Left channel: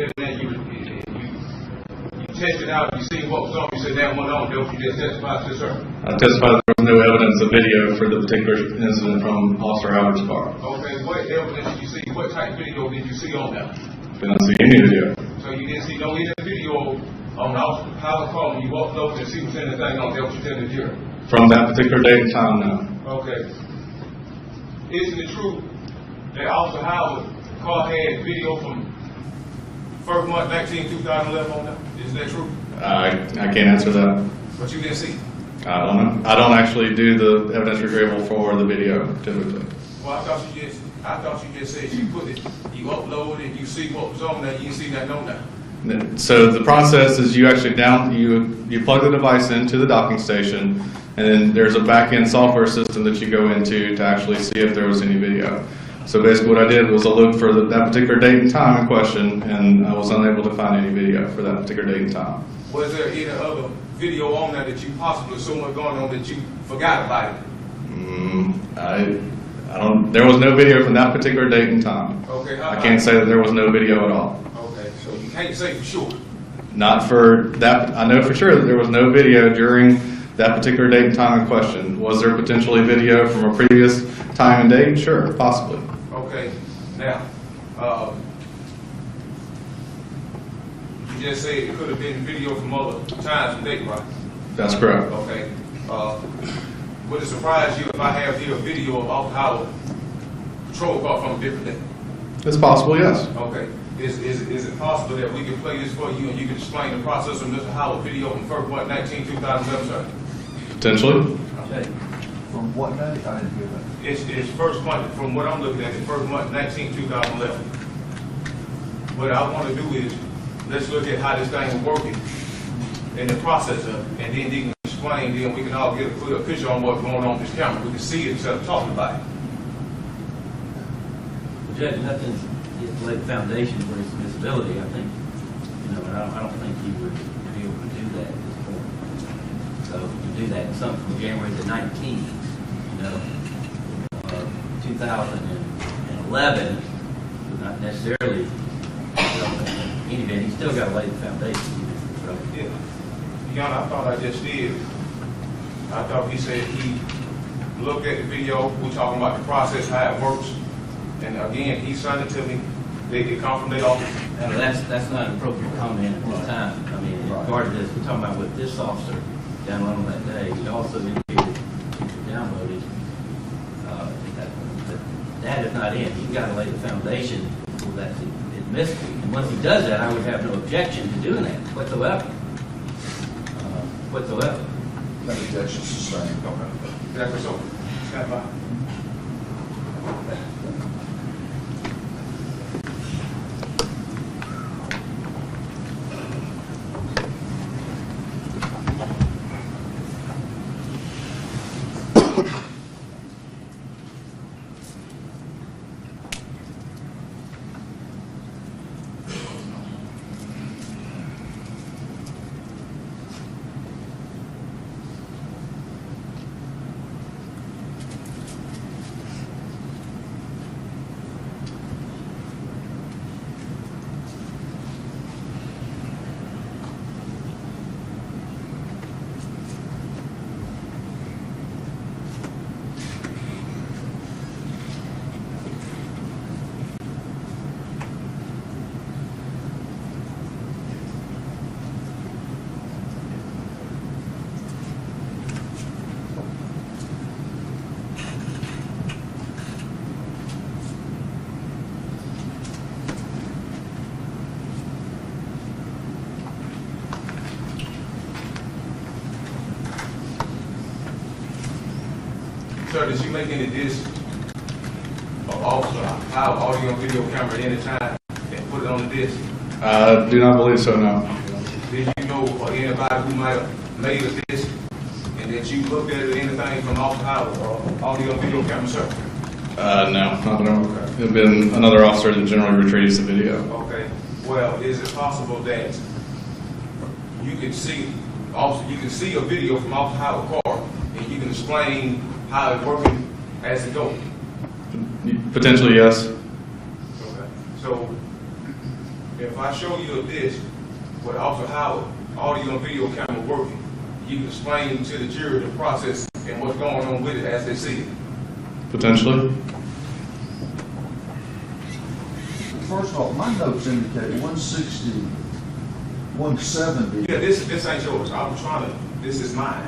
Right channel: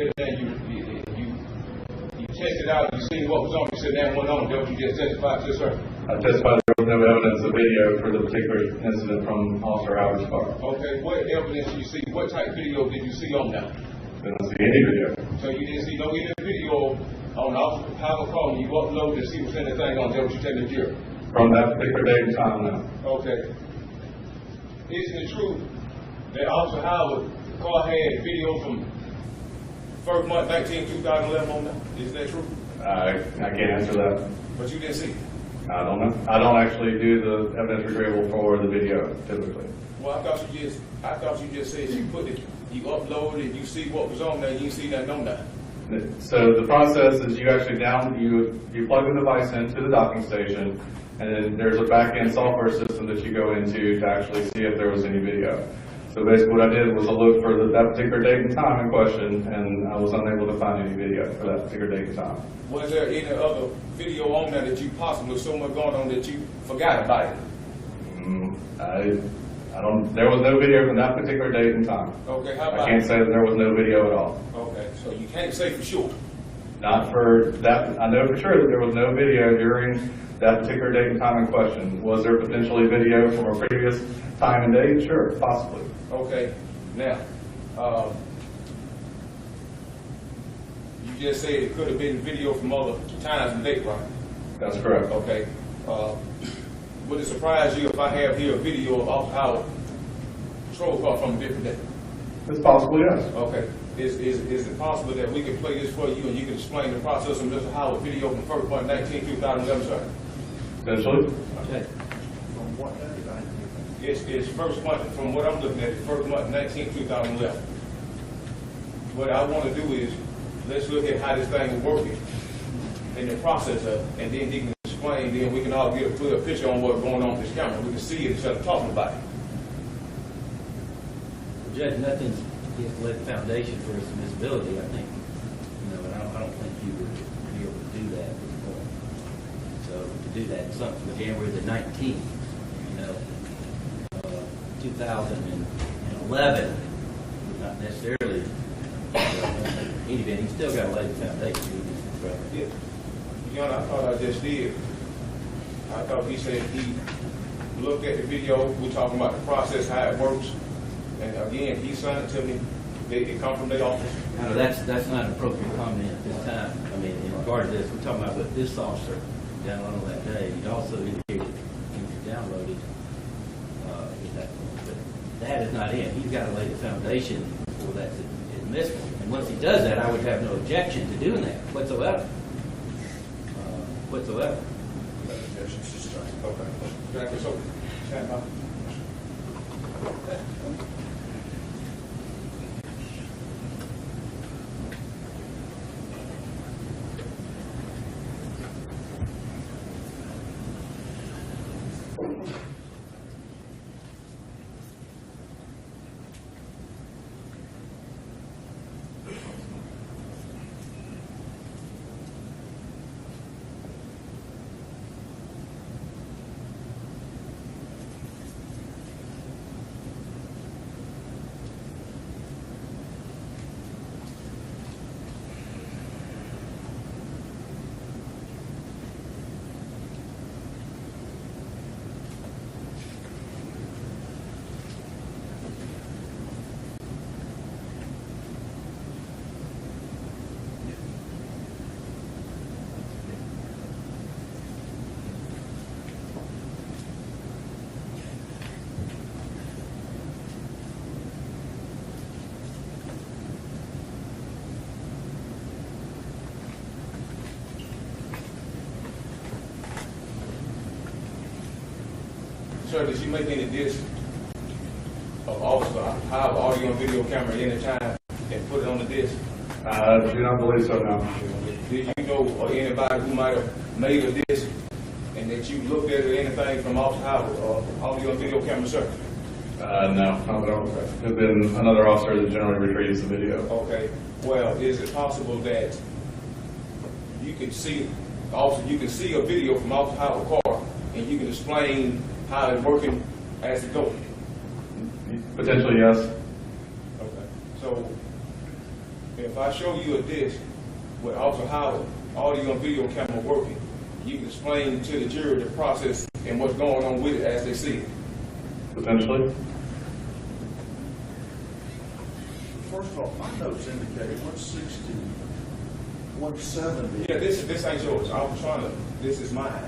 You tested out, you seen what was on, you said that went on, don't you just testify to, sir? I testified there was no evidence of video for the particular incident from Officer Howard's car. Okay, what evidence did you see? What type of video did you see on that? Didn't see any video. So you didn't see no video on Officer Howard's car when you walked over to see what's anything on there, what you tell the jury? From that particular date and time, no. Okay. Isn't it true that Officer Howard's car had video from first month 2011 on that? Is that true? I can't answer that. But you didn't see? I don't know. I don't actually do the evidence retrieval for the video typically. Well, I thought you just said you put it, you uploaded, you see what was on there, you didn't see that on there. So the process is you actually you plug the device into the docking station, and then there's a back-end software system that you go into to actually see if there was any video. So basically what I did was I looked for that particular date and time in question, and I was unable to find any video for that particular date and time. Was there any other video on there that you possibly so much going on that you forgot about it? I don't. There was no video from that particular date and time. Okay. I can't say that there was no video at all. Okay. So you can't say for sure. Not for that. I know for sure that there was no video during that particular date and time in question. Was there potentially video from a previous time and date? Sure, possibly. Okay. Now, you just said it could have been video from other times and date, right? That's correct. Okay. Would it surprise you if I have here a video of Officer Howard patrol car from a different day? It's possible, yes. Okay. Is it possible that we can play this for you and you can explain the process of Mr. Howard video from 1st month 2011, sir? Potentially. Okay. From what day? I didn't hear that. It's first month, from what I'm looking at, it's 1st month 2011. What I want to do is, let's look at how this thing was working and the process of it, and then you can explain, then we can all get a clear picture on what's going on with this camera. We can see it instead of talking about it. Judge, nothing is to lay the foundation for his visibility, I think. But I don't think you would be able to do that. So to do that, something from January the 19th, 2011, not necessarily, anyway, he's still got to lay the foundation. So, Yeah. Young, I thought I just did. I thought he said he looked at the video, we're talking about the process, how it works. And again, he sent it to me, they get confirmation off. now, that's not an appropriate comment at this time. I mean, part of this, we're talking about what this officer downloaded that day. He also indicated he downloaded. That is not in. He's got to lay the foundation for that admissible. And once he does that, I would have no objection to doing that whatsoever. Whatsoever. No objections sustained. Okay. Exactly so. Stand by. Sir, did you make any discs of Officer Howard audio and video camera at any time and put it on the disc? I do not believe so, no. Did you know or anybody who might have made a disc and that you looked at it, anything from Officer Howard or audio and video camera, sir? No, not no. It would have been another officer that generally retrieves the video. Okay. Well, is it possible that you can see a video from Officer Howard's car and you can explain how it's working as it goes? Potentially, yes. Okay. So If I show you a disc with Officer Howard, audio and video camera working, you can explain to the jury the process and what's going on with it as they see it. Potentially. First of all, my notes indicate 160, 170. Yeah, this ain't yours. I was trying to, this is mine.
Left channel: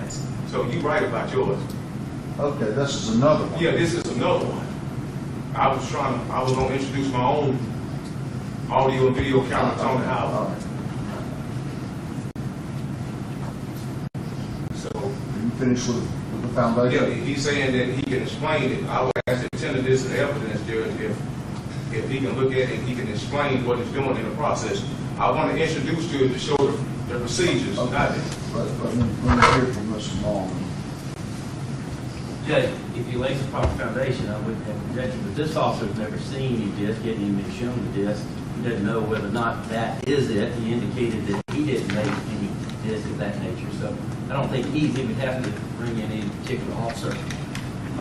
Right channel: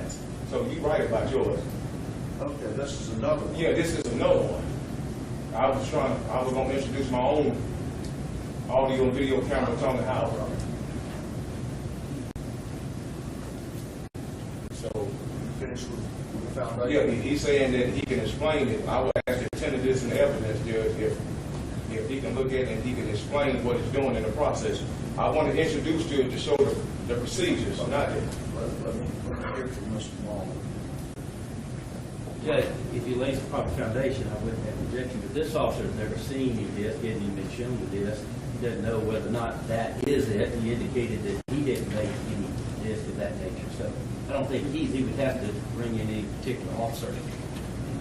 So you write about yours. Okay, this is another one. Yeah, this is another one. I was gonna introduce my own audio and video camera on the All house. right. So, You finished with the yeah, foundation? he's saying that he can explain it. I would ask the attend to this in evidence, Judge, if he can look at it and he can explain what he's doing in the process. I want to introduce to him to show the procedures, not it. Let me hear from Mr. Long. Judge, if he lays a proper foundation, I wouldn't have objection, but this officer's never seen any disc, hasn't even been shown the disc. He doesn't know whether or not that is it. He indicated that he didn't make any disc of that nature, so I don't think he's even have to bring in any particular officer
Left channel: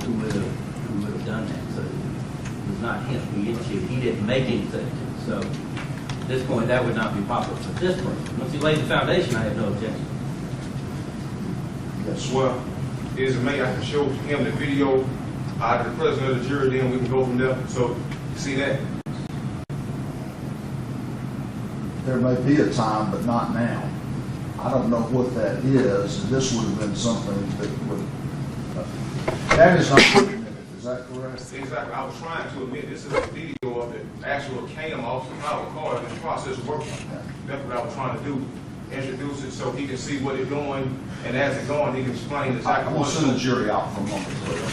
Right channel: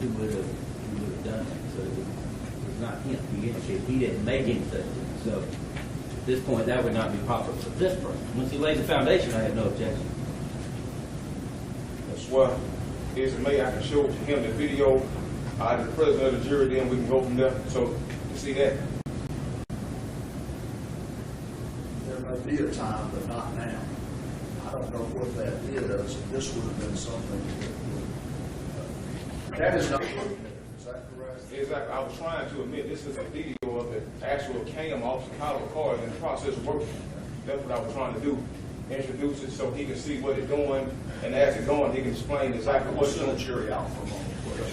who would have done that. So it was not him. He indicated he didn't make anything. So at this point, that would not be proper for this person. Once he laid the foundation, I have no objection. Yes. Well, is it may I can show him the video, the president of the jury, then we can go from there. So, you see that? There may be a time, but not now. I don't know what that is, and this would have been something that would, that is not permitted, is that correct? Exactly. I was trying to admit this is a video of the actual CAM Officer Howard car and the process of working. That's what I was trying to do. Introduce it so he can see what it's doing, and as it's going, he can explain exactly We'll what's send the doing. jury out for a moment, please.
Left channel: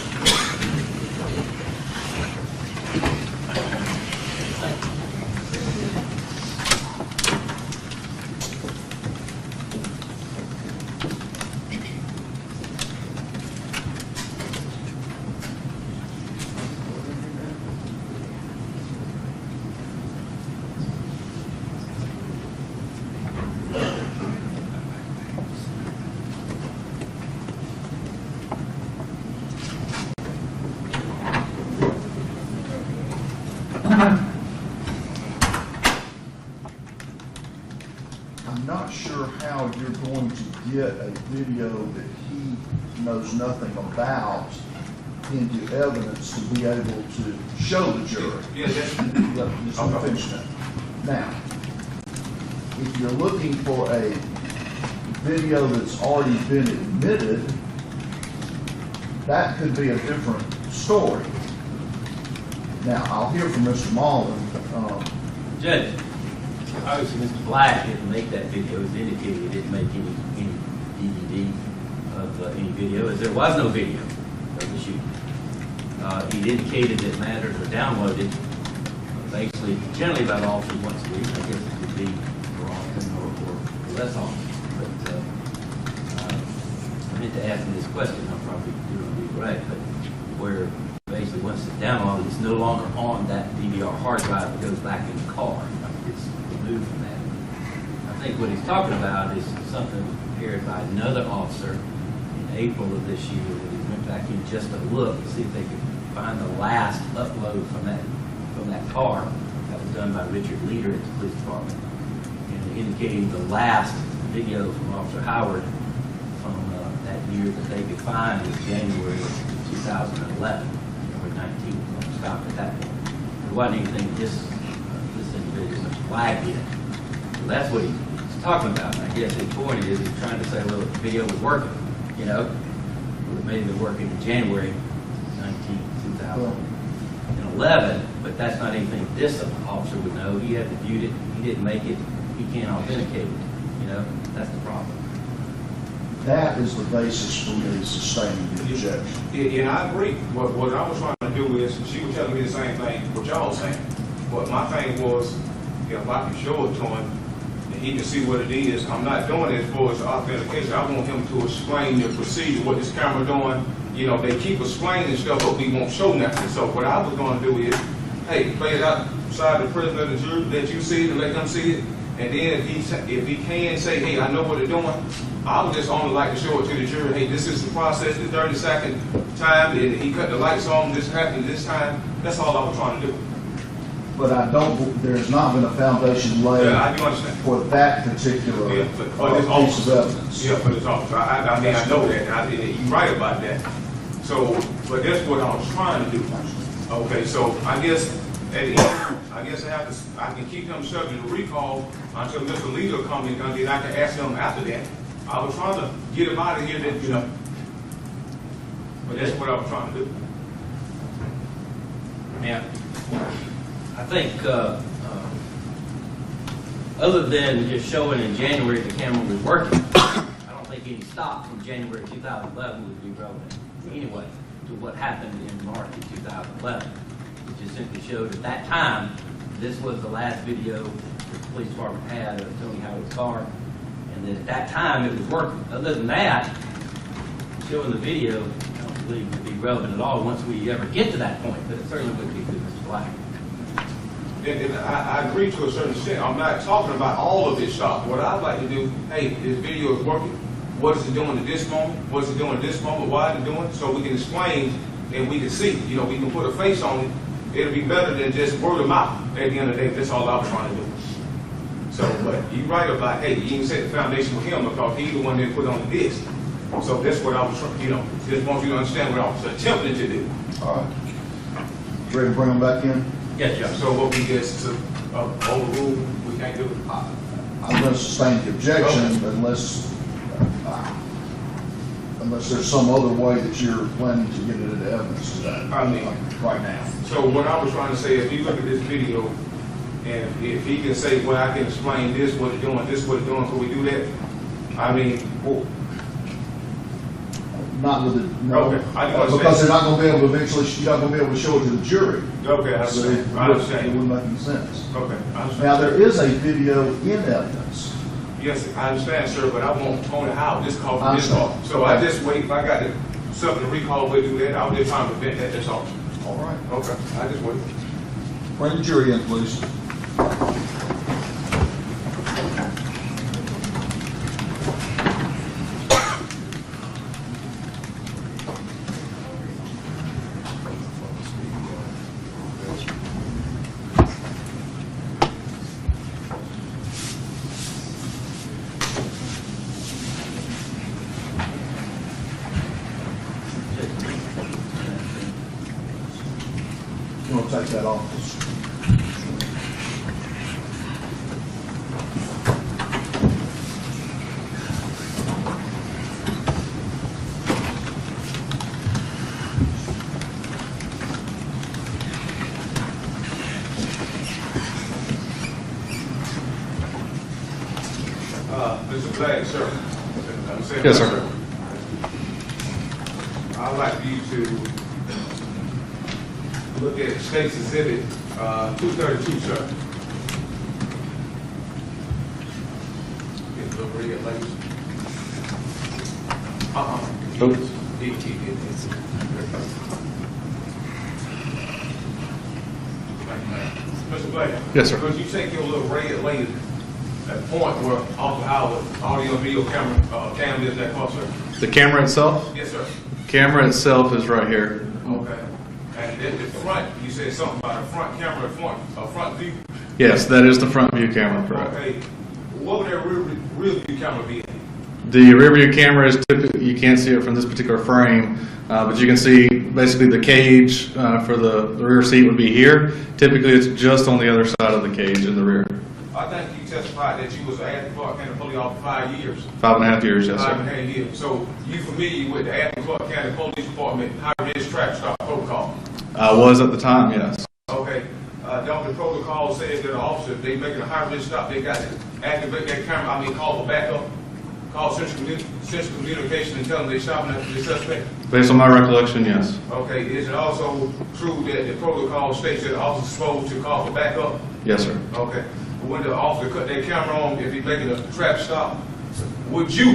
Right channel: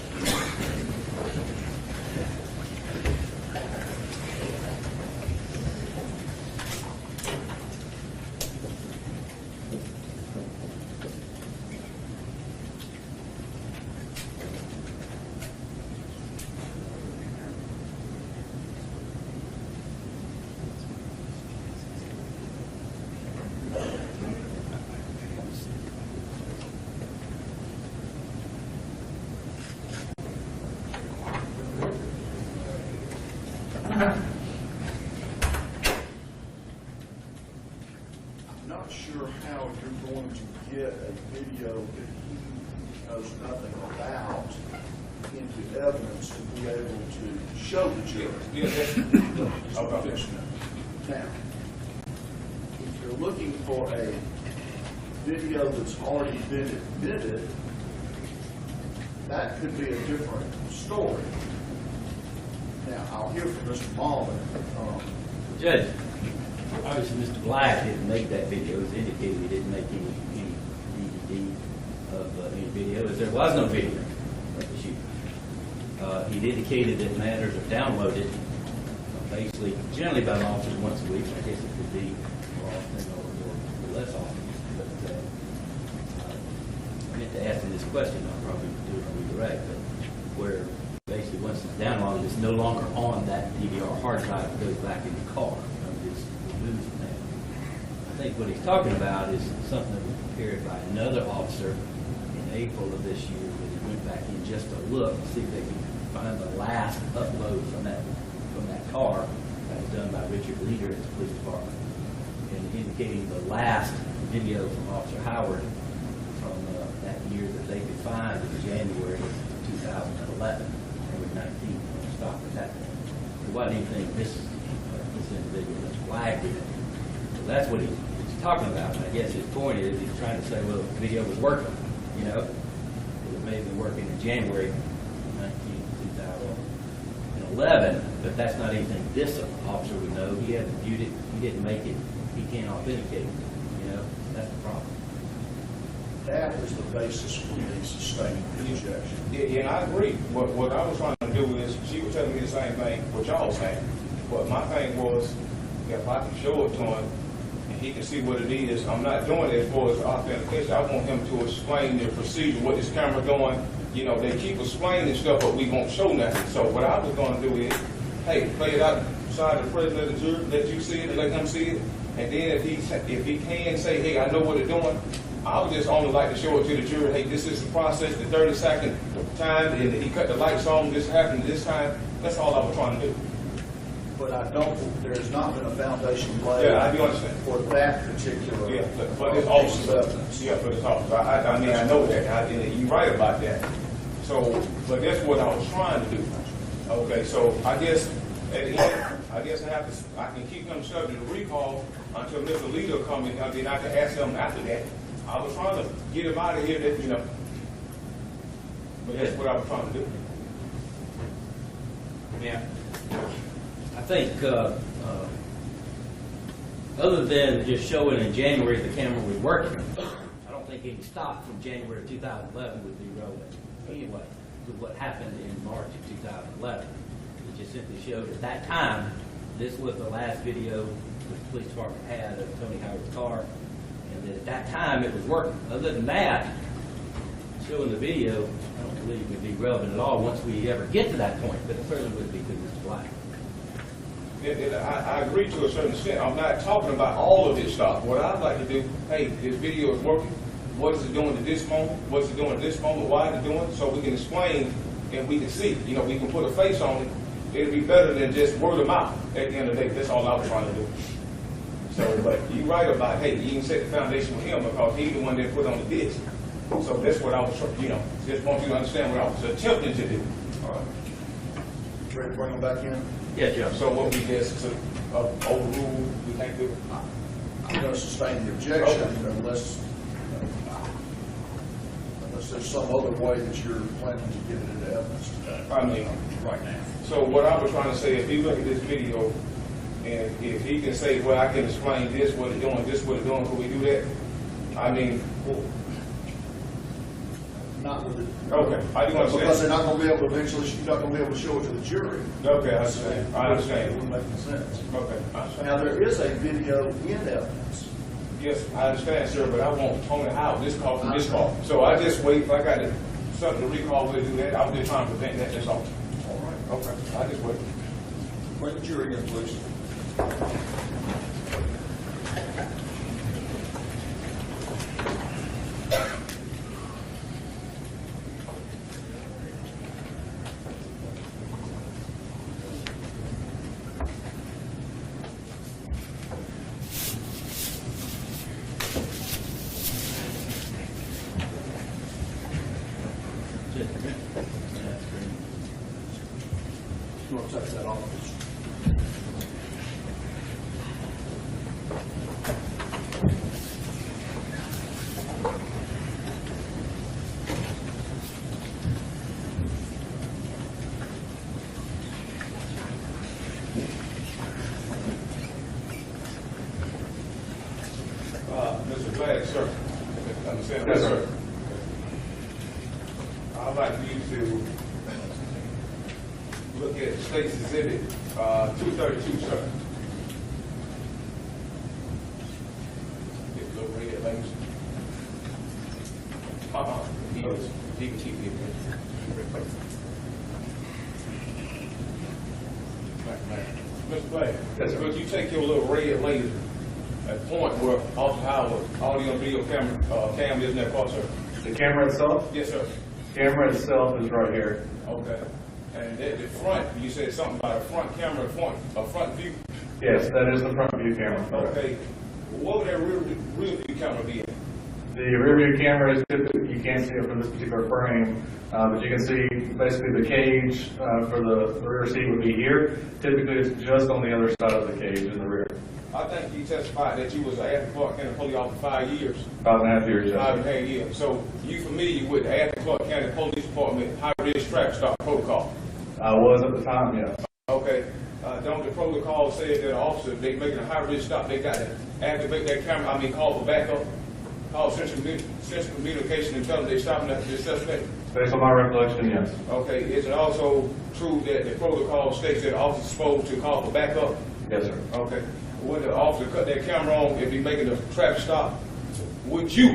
I'm not sure how you're going to get a video that he knows nothing about into evidence to be able to show the jury. Yeah, that's, Just let me finish that. Now, if you're looking for a video that's already been admitted, that could be a different story. Now, I'll hear from Mr. Malden. Judge, obviously Mr. Black didn't make that video. It's indicated he didn't make any DVD of any video, as there was no video of the shooting. He indicated that matters are downloaded basically generally by an officer once a week. I guess it could be more often or less often. But I meant to ask him this question, I'll probably do it on the right, but where basically once it's downloaded, it's no longer on that DVR hard drive, it goes back in the car. It's removed from that. I think what he's talking about is something prepared by another officer in April of this year. He went back in just to look and see if they could find the last upload from that car. That was done by Richard Leader at the police department. And indicating the last video from Officer Howard from that year that they could find was January of 2011, or 19, stopped at that point. There wasn't anything this individual was flagged in. So that's what he's talking about. And I guess his point is he's trying to say, well, the video was working, you know. It was maybe working in January 19, 2011, but that's not anything this officer would know. He hadn't viewed it, he didn't make it, he can't authenticate it, you know. That's the problem. That is the basis for me sustaining the objection. Yeah, I agree. What I was trying to do is, she was telling me the same thing, what y'all saying. But my thing was, if I can show it to him, and he can see what it is, I'm not doing it for his authentication. I want him to explain the procedure, what this camera doing. You know, they keep explaining stuff, but we won't show nothing. So what I was going to do is, hey, play it outside the president of the jury, let you see it and let him see it. And then if he can say, hey, I know what they're doing, I would just only like to show it to the jury, hey, this is the process, the 30-second time, and he cut the lights on, this happened this time. That's all I was trying to do. But I don't, there's not been a foundation laid Yeah, I do understand. for that particular Yeah, but this piece of officer, evidence. yeah, for this officer, I mean, I know that, and you're right about that. So, but that's what I was trying to do. Okay, so I guess, at the end, I guess I can keep him subject to recall until Mr. Leader comes in, and then I can ask him after that. I was trying to get him out of here that, you know, but that's what I was trying to do. Yeah. I think, other than just showing in January the camera was working, I don't think any stop from January 2011 would be relevant anyway to what happened in March of 2011. It just simply showed at that time, this was the last video the police department had of Tony Howard's car, and at that time it was working. Other than that, showing the video, I don't believe would be relevant at all once we ever get to that point, but it certainly would be through this flag. And I agree to a certain extent. I'm not talking about all of this stuff. What I'd like to do, hey, this video is working. What is it doing at this moment? What's it doing at this moment? Why is it doing it? So we can explain and we can see. You know, we can put a face on it. It'll be better than just word of mouth. At the end of the day, that's all I was trying to do. So, but you're right about, hey, you can set the foundation with him because he's the one that put on the disc. So that's what I was, you know, just want you to understand what I was attempting to do. All right. Ready to bring them back in? Yes, yeah. So what we just overrule, we can't do. I'm going to sustain the objection Okay. unless there's some other way that you're planning to get it into evidence today. I mean, right now. So what I was trying to say, if you look at this video, and if he can say, well, I can explain this, what it's doing, this, what it's doing, can we do that? I mean, cool. Not with the, no, Okay, I do understand. because they're not going to be able to eventually, you're not going to be able to show it to the jury. Okay, I So understand. I It understand. wouldn't make any sense. Okay, I understand. Now, there is a video in evidence. Yes, I understand, sir, but I want Tony Howard, this call I from this call. understand. So I just wait, if I got something to recall, we'll do that. I was just trying to prevent that, that's all. All right. Okay, I just wait. Bring the jury in, please. You want to take that off? Mr. Black, sir. I'm saying, Yes, sir. I'd like for you to look at State's Exhibit 232, sir. Get a little red lace. Mr. Black. Yes, sir. Could you take your little red laser at point where Officer Howard audio and video cam is in that car, sir? The camera itself? Yes, sir. Camera itself is right here. Okay. And at the front, you said something about a front camera, a front view. Yes, that is the front view camera, correct. Okay. What would that rear view camera be? The rear view camera is typically, you can't see it from this particular frame, but you can see basically the cage for the rear seat would be here. Typically, it's just on the other side of the cage in the rear. I think you testified that you was at Clark County Police Officer 5 years. 5.5 years, yes, sir. 5.5 years. So you familiar with the Athens Clark County Police Department high-risk traffic stop protocol? I was at the time, yes. Okay. Don't the protocol say that an officer, if they making a high-risk stop, they got to activate that camera, call for backup, call central communication and tell them they're stopping at the suspect? Based on my recollection, yes. Okay, is it also true that the protocol states that the officer is supposed to call for backup? Yes, sir. Okay. When the officer cut that camera on, if he's making a traffic stop, would you,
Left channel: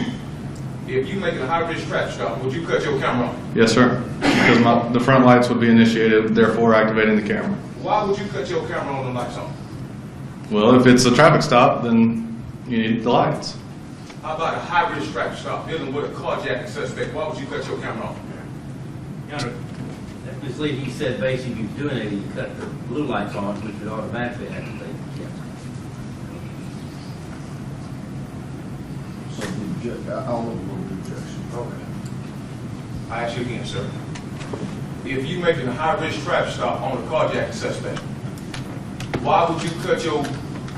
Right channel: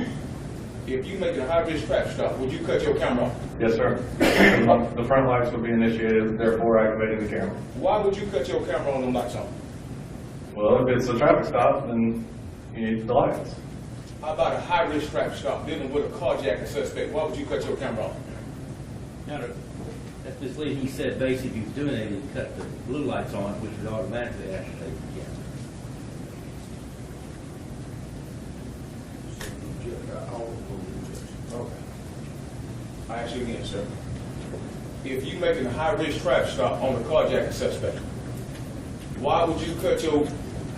if you making a high-risk traffic stop, would you cut your camera on? Yes, sir. Because the front lights would be initiated, therefore activating the camera. Why would you cut your camera on and lights on? Well, if it's a traffic stop, then you need the lights. How about a high-risk traffic stop dealing with a carjacking suspect? Why would you cut your camera on? Now, Ms. Lee, you said basically he was doing it, he cut the blue lights on, which would automatically have to take the chance. So I'll overrule the objection. Okay. I ask you again, sir. If you making a high-risk traffic stop on a carjacking suspect, why would you cut your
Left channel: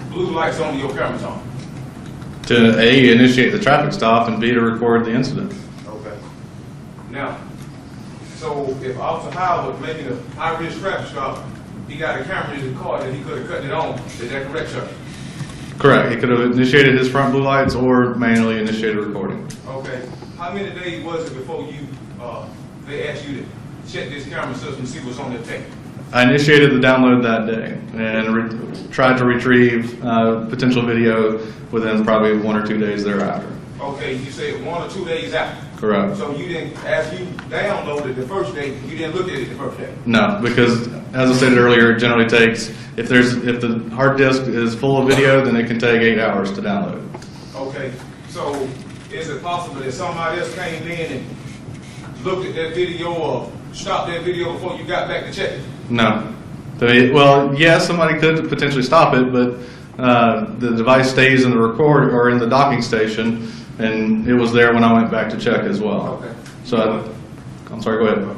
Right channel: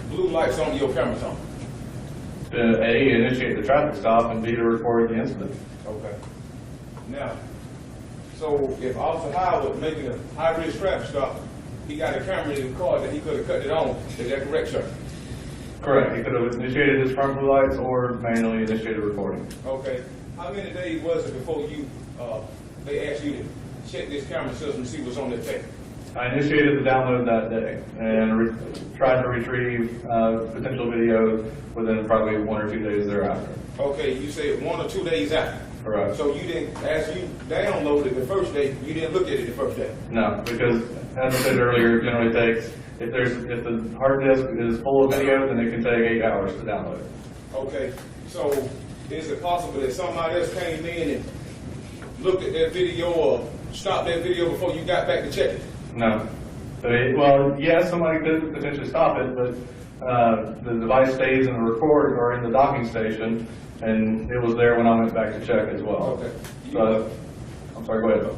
blue lights on and your cameras on? To A, initiate the traffic stop, and B, to record the incident. Okay. Now, so if Officer Howard making a high-risk traffic stop, he got a camera in his car that he could have cut it on, is that correct, sir? Correct. He could have initiated his front blue lights or manually initiated recording. Okay. How many days was it before you, they asked you to check this camera system and see what's on the tape? I initiated the download that day and tried to retrieve potential video within probably 1 or 2 days thereafter. Okay, you said 1 or 2 days after. Correct. So you didn't, as you downloaded the first day, you didn't look at it the first day? No, because as I said earlier, it generally takes, if the hard disk is full of video, then it can take 8 hours to download. Okay, so is it possible that somebody else came in and looked at that video or stopped that video before you got back to check it? No. Well, yes, somebody could potentially stop it, but the device stays in the record or in the docking station, and it was there when I went back to check as well. Okay. So, I'm sorry, go ahead.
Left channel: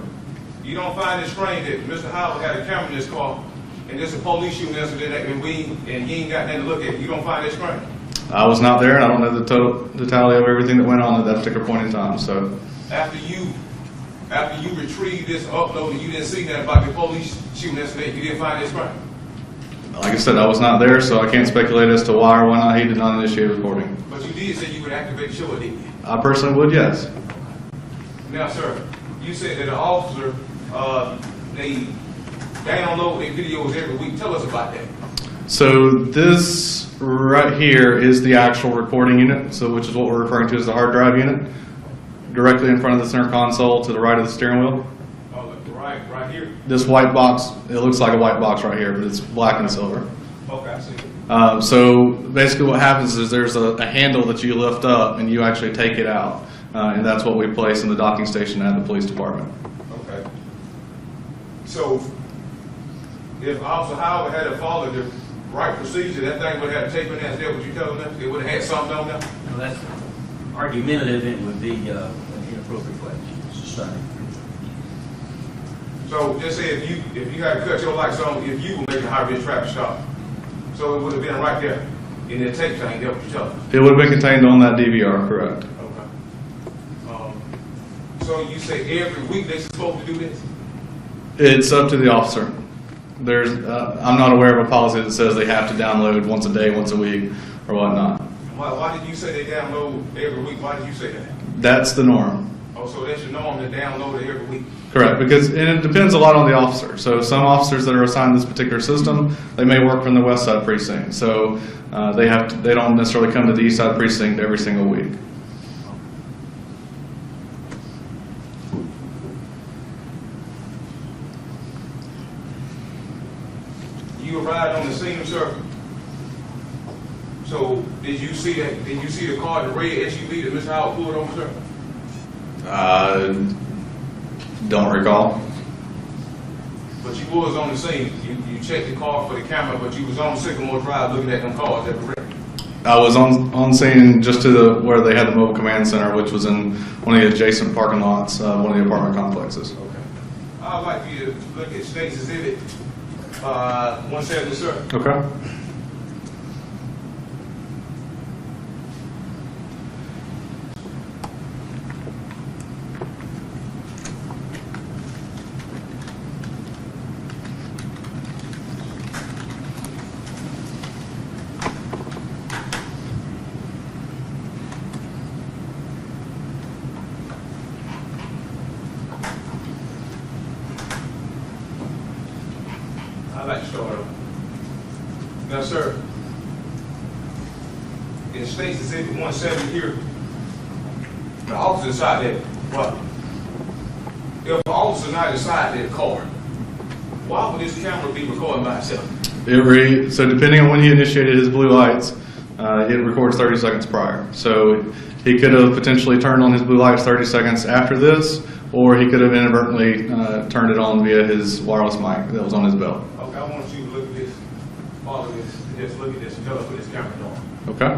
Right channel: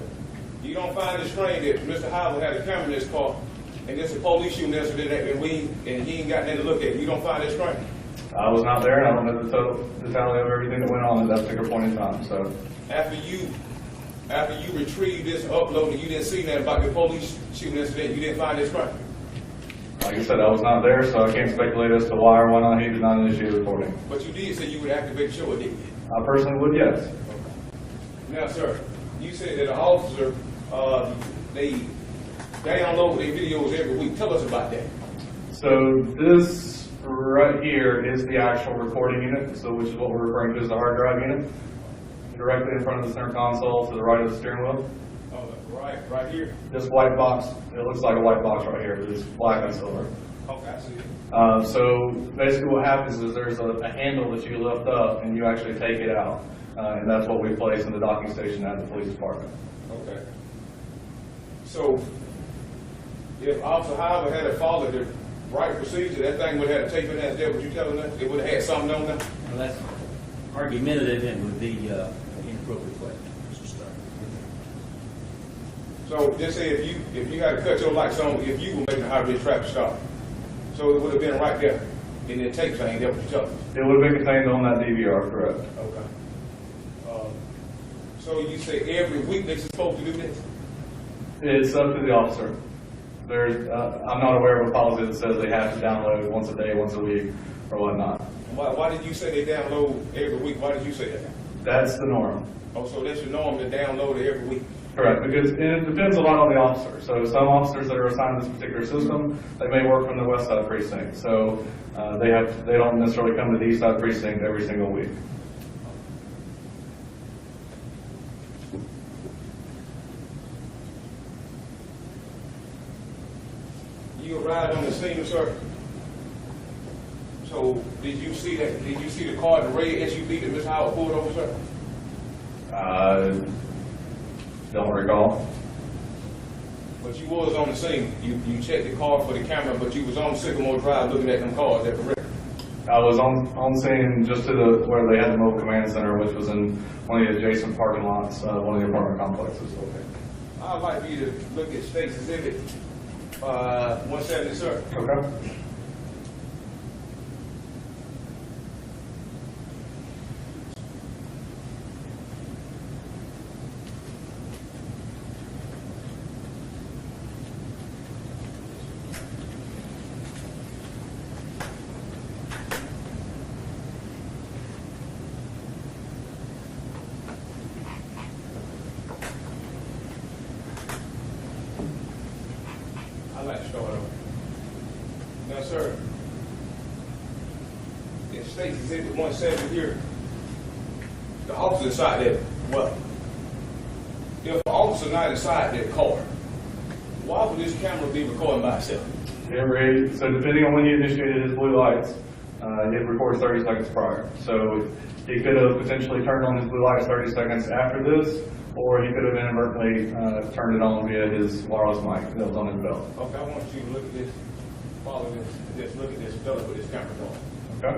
You don't find it strange that Mr. Howard had a camera in his car and there's a police shooting incident and he ain't got nothing to look at? You don't find it strange? I was not there, and I don't know the tally of everything that went on at that particular point in time. So, After you retrieved this upload and you didn't see nothing about the police shooting incident, you didn't find it strange? like I said, I was not there, so I can't speculate as to why or why not he did not initiate recording. But you did say you would activate the show, didn't you? I personally would, yes. Now, sir, you said that the officer, they download their videos every week. Tell us about that. So this right here is the actual recording unit, so which is what we're referring to as the hard drive unit, directly in front of the center console to the right of the steering wheel. Oh, right here? This white box, it looks like a white box right here, but it's black and silver. Okay, I see. So basically what happens is there's a handle that you lift up and you actually take it out. And that's what we place in the docking station at the police department. Okay. So, if Officer Howard had followed the right procedure, that thing would have tape in there. Is that what you're telling us? It would have had something on there? Well, that's argumentative, and it would be an inappropriate question. Sustained. So, just say if you had to cut your lights on, if you were making a high-risk traffic stop, so it would have been right there in the tape thing. That what you're telling us? It would have been contained on that DVR, correct? Okay. So you say every week they're supposed to do this? It's up to the officer. There's, I'm not aware of a policy that says they have to download once a day, once a week, or whatnot. Why did you say they download every week? Why did you say that? That's the norm. Oh, so that's your norm to download it every week? Correct, because and it depends a lot on the officer. So some officers that are assigned this particular system, they may work from the west side precinct. So they don't necessarily come to the east side precinct every single week. You arrived on the scene, sir. So did you see that? Did you see the car, the red SUV that Mr. Howard pulled over, sir? Don't recall. But you was on the scene. You checked the car for the camera, but you was on Sycamore Drive looking at them cars. That correct? I was on scene just to where they had the mobile command center, which was in one of the adjacent parking lots, one of the apartment complexes. Okay. I'd like you to look at State's Exhibit 170, sir. Okay. I'd like to start over. Now, sir, in State's Exhibit 170 here, the officer inside that, what? If the officer not inside that car, why would this camera be recording by itself? So depending on when he initiated his blue lights, it records 30 seconds prior. So he could have potentially turned on his blue lights 30 seconds after this, or he could have inadvertently turned it on via his wireless mic that was on his belt. Okay, I want you to look at this, follow this, and just look at this, and tell us what this camera's doing. Okay?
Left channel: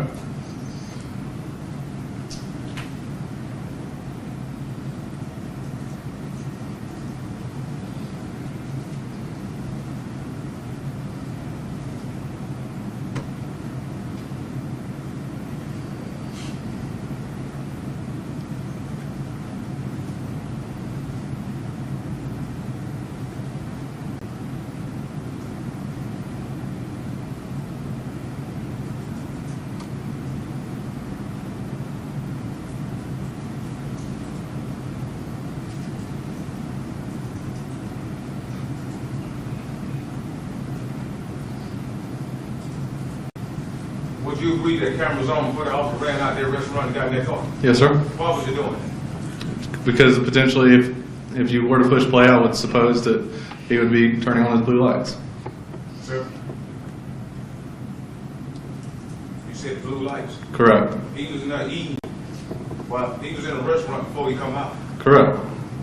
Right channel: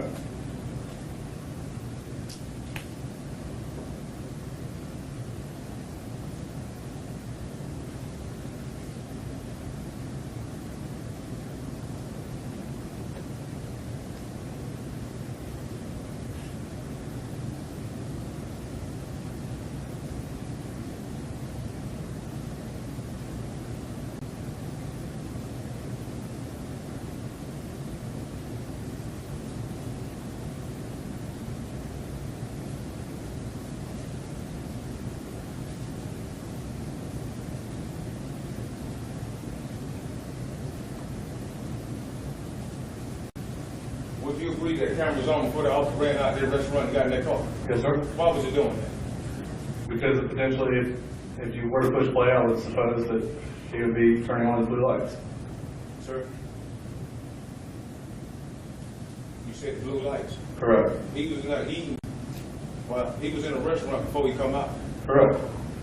Would you agree that cameras on before the officer ran out there, restaurant, and got in their car? Yes, sir. Why was he doing that? Because potentially, if you were to push play, I would suppose that he would be turning on his blue lights. Sir? You said blue lights. Correct. He was not eating. Well, he was in a restaurant before he come out. Correct.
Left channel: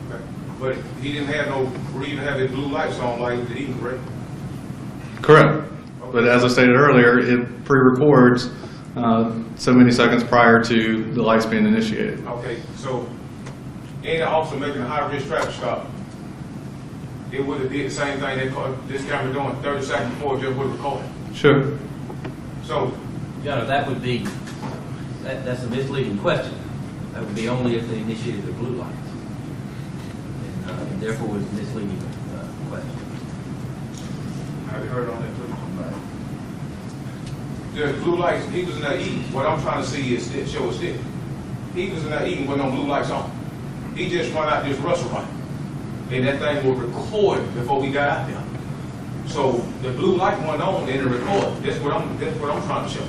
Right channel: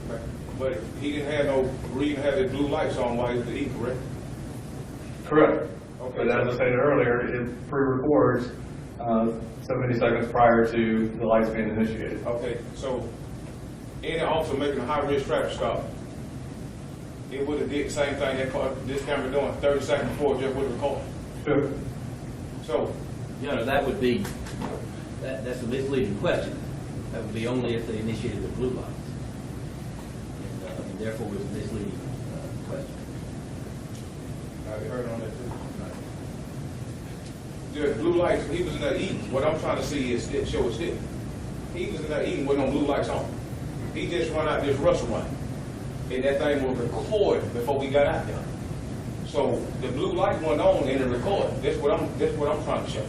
Okay. But he didn't have no reason to have his blue lights on while he was eating, correct? Correct. But as I stated earlier, it pre-records so many seconds prior to the lights being initiated. Okay, so any officer making a high-risk traffic stop, it would have did the same thing this camera doing 30 seconds before, it just would have recorded. Sure. So, Your Honor, that would be, that's a misleading question. That would be only if they initiated the blue lights. And therefore was a misleading question. have you heard on that too? The blue lights, he was in there eating. What I'm trying to see is show a stick. He was in there eating with no blue lights on. He just run out this restaurant. Then that thing will record before we got out there. So the blue light went on and it recorded. That's what I'm trying to show.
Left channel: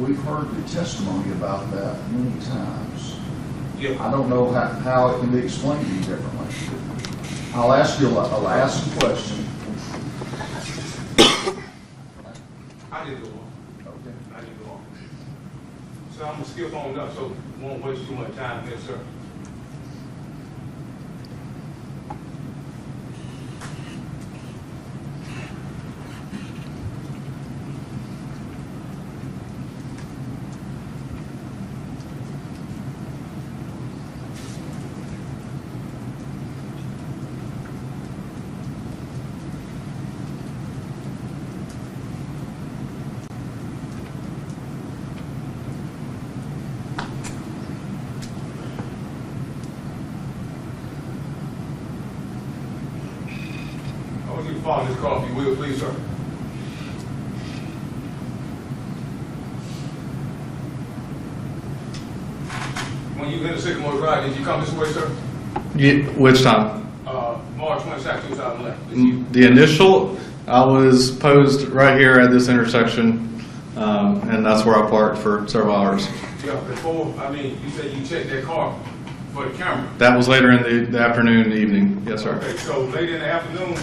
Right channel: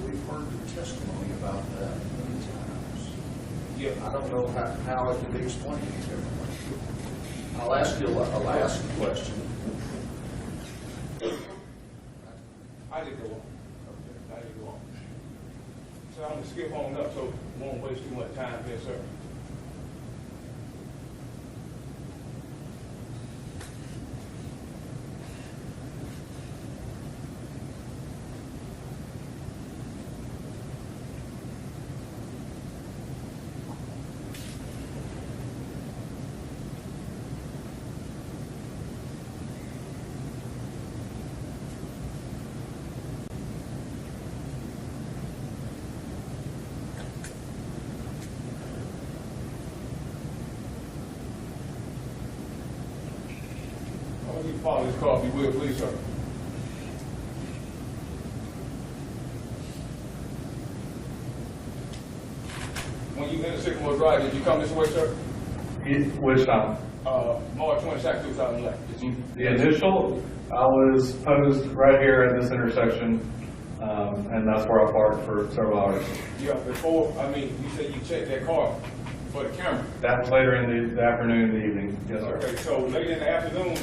We've heard the testimony about that many times. Yeah. I don't know how it can be explained any differently. I'll ask a question. I did go on. Okay. I did go on. So I'm gonna skip on up so won't waste too much time here, sir. I want you to follow this car if you will, please, sir. When you enter Sycamore Drive, did you come this way, sir? Which time? March 22nd, 2011. The initial, I was posed right here at this intersection, and that's where I parked for several hours. Yeah, before, you said you checked that car for the camera. That was later in the afternoon, evening. Yes, sir. Okay, so late in the afternoon,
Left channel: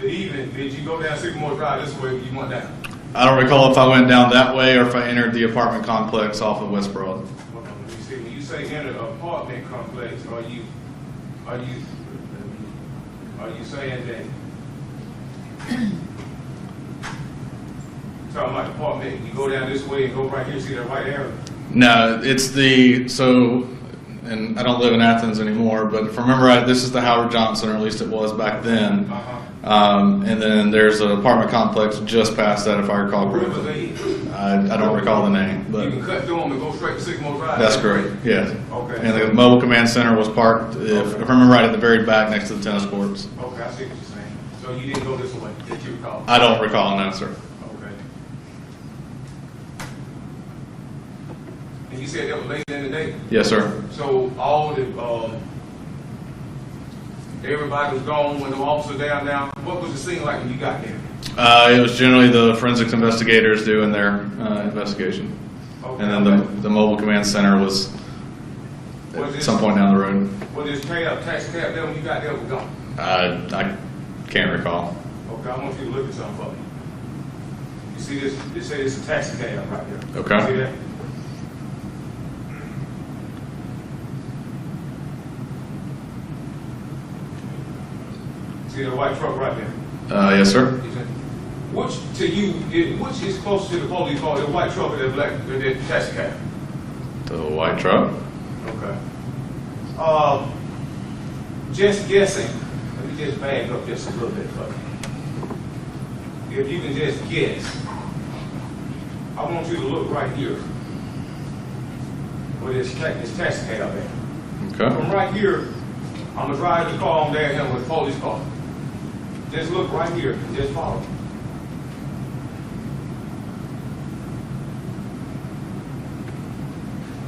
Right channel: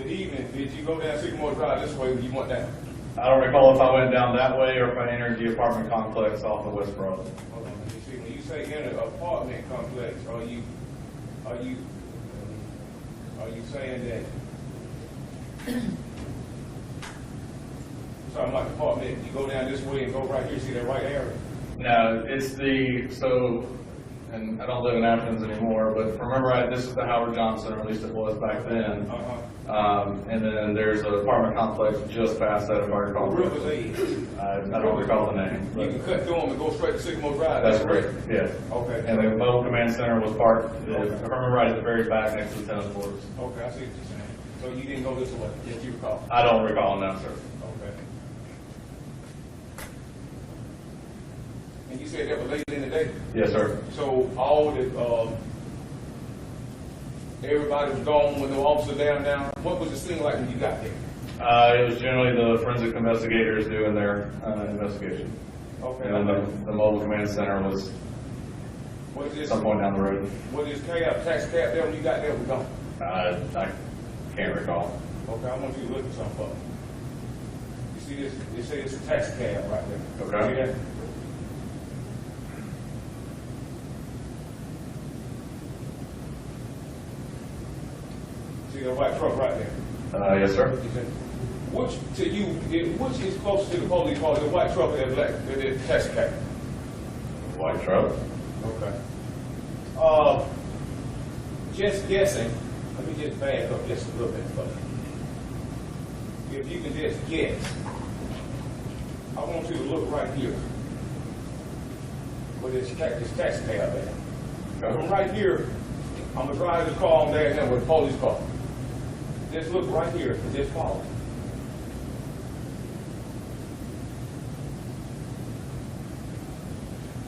the evening, did you go down Sycamore Drive this way, you went down? I don't recall if I went down that way or if I entered the apartment complex off of West Broad. Hold on, let me see. When you say enter the apartment complex, are you saying that? Talking about the apartment, you go down this way and go right here, see that right area? No, it's and I don't live in Athens anymore, but if I remember right, this is the Howard Johnson, or at least it was back then. Uh-huh. And then there's an apartment complex just past that, if I recall correctly. I don't recall the name, You but can cut through them and go straight to Sycamore Drive? that's correct, yes. Okay. And the mobile command center was parked, if I remember right, at the very back next to the tennis courts. Okay, I see what you're saying. So you didn't go this way, did you recall? I don't recall, no, sir. Okay. And you said that was late in the day? Yes, sir. So all the, everybody was gone when the officer down there. What was the scene like when you got there? It was generally the forensics investigators doing their investigation. Okay. And then the mobile command center was at some point down the road. Was this taxi cab there when you got there was gone? I can't recall. Okay, I want you to look at something for me. You see this? They say it's a taxi cab right there. Okay. See that? See that white truck right there? Yes, sir. Which to you, which is closer to the police car, the white truck or that black, the taxi cab? The white truck. Okay. Just guessing, let me just back up just a little bit for you. If you can just guess, I want you to look right here. Where this taxi cab at. Okay. From right here, I'm gonna drive the car on there and with the police car. Just look right here and just follow.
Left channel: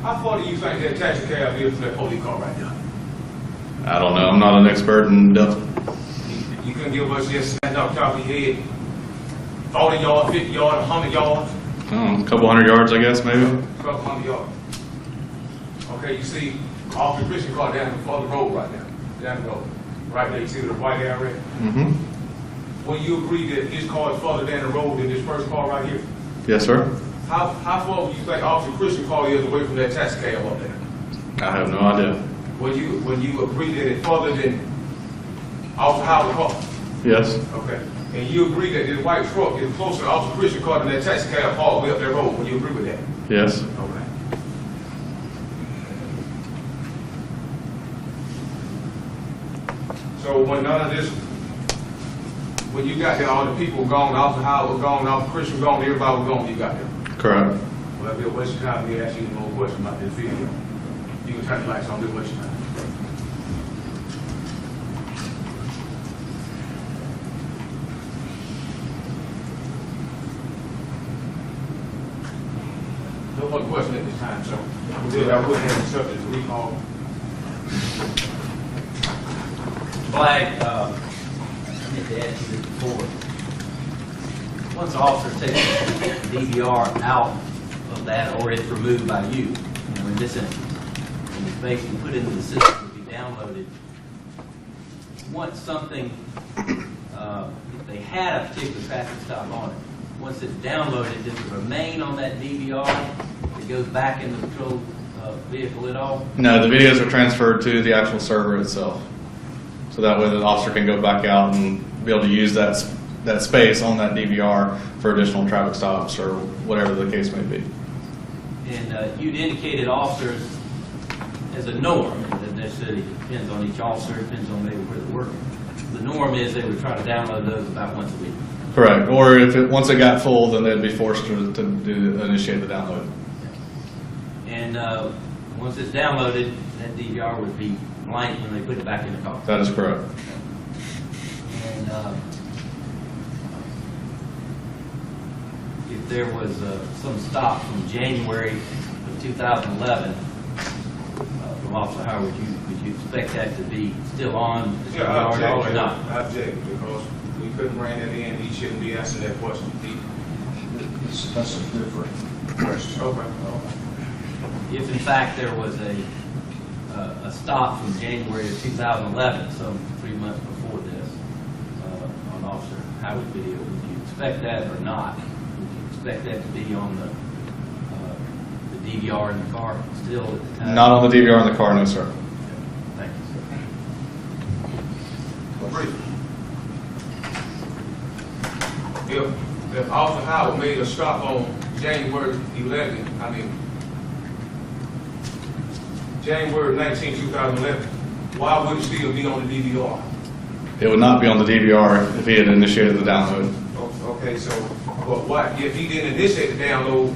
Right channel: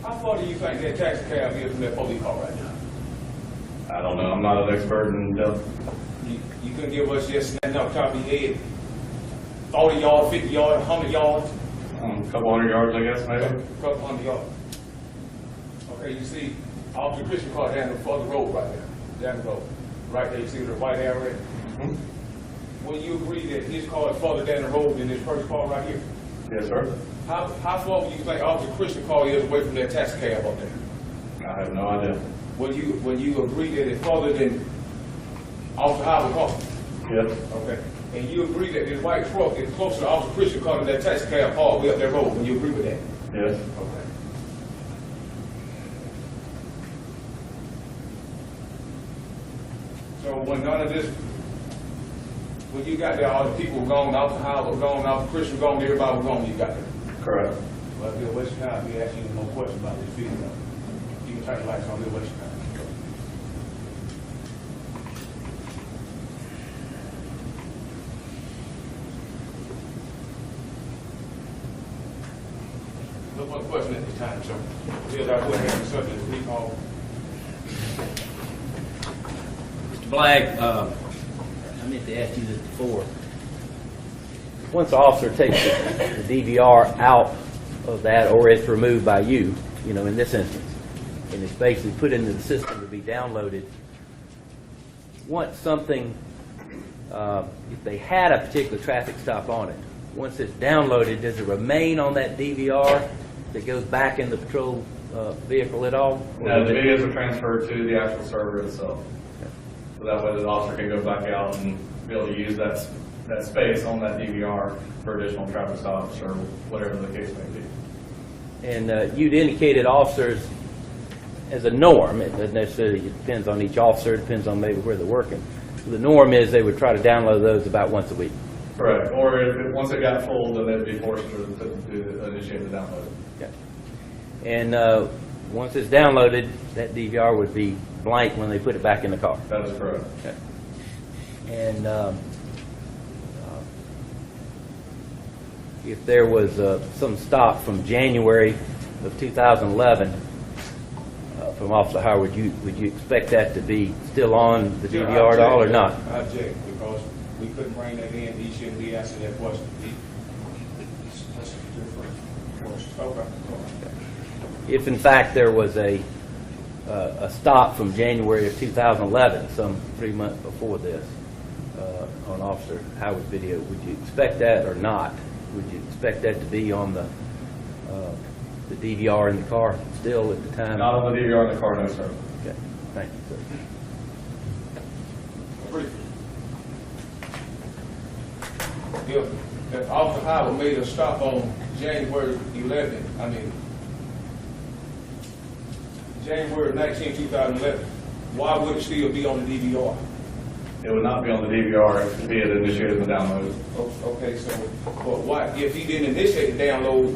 How far do you think that taxi cab is from that police car right now? I don't know. I'm not an expert in depth. You can give us just stand up top of your head. 40 yards, 50 yards, 100 yards, A couple hundred yards, I guess, maybe. couple hundred yards. Okay, you see Officer Christian car down the road right there. Down the road. Right there, you see the white area? Mm-hmm. Will you agree that his car is further down the road than this first car right here? Yes, sir. How far would you think Officer Christian car is away from that taxi cab up there? I have no idea. Would you agree that it's further than Officer Howard's car? Yes. Okay. And you agree that this white truck is closer to Officer Christian car than that taxi cab all the way up that road? Would you agree with that? Yes. Okay. So when none of this, when you got there, all the people gone, Officer Howard was gone, Officer Christian was gone, everybody was gone when you got there. Correct. Well, if it waste your time, we ask you no question about this video. You can turn the lights on, it'll waste your time. No more question at this time, so I would have accepted the recall. Black, I meant to ask you this before. Once the officer takes the DVR out of that, or it's removed by you, you know, in this instance, and it's basically put into the system to be downloaded. Once something, if they had a particular traffic stop on it, once it's downloaded, does it remain on that DVR that goes back in the patrol vehicle at all? No, the videos are transferred to the actual server itself. So that way the officer can go back out and be able to use that space on that DVR for additional traffic stops or whatever the case may be. And you'd indicated officers as a norm, and that necessarily depends on each officer, depends on maybe where they're working. The norm is they would try to download those about once a week. Correct. Or if once it got full, then they'd be forced to initiate the download. Okay. And once it's downloaded, that DVR would be blank when they put it back in the car. That is correct. Okay. And if there was some stop from January of 2011 from Officer Howard, would you expect that to be still on the DVR at all or not? I object, because we couldn't bring that in, he shouldn't be answering that question. That's a different question. Okay. If in fact there was a stop from January of 2011, some 3 months before this, on Officer Howard's video, would you expect that or not? Would you expect that to be on the DVR in the car still at the time? Not on the DVR in the car, no, sir. Okay. Thank you, sir. If Officer Howard made a stop on January 11, January 19, 2011, why would it still be on the DVR? It would not be on the DVR if he had initiated the download. Okay, so, but why, if he didn't initiate the download,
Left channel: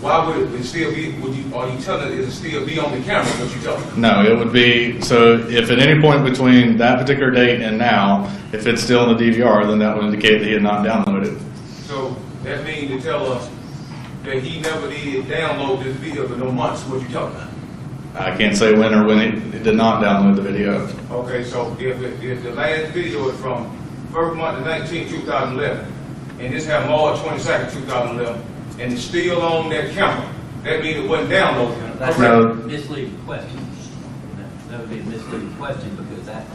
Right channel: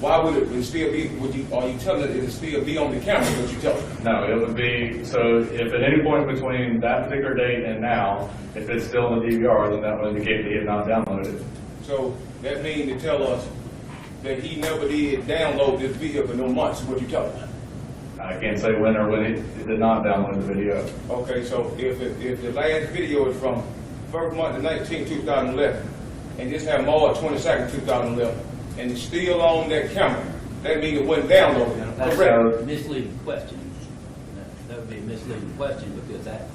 why would it still be, are you telling us it still be on the camera, what you telling us? No, it would be, so if at any point between that particular date and now, if it's still in the DVR, then that would indicate that he had not downloaded. So that means to tell us that he never did download this video for no months, what you telling us? I can't say when or when he did not download the video. Okay, so if the last video is from first month of 19, 2011, and this had March 22nd, 2011, and it's still on that camera, that means it wasn't downloaded. That's No. a misleading question. That would be a misleading question because that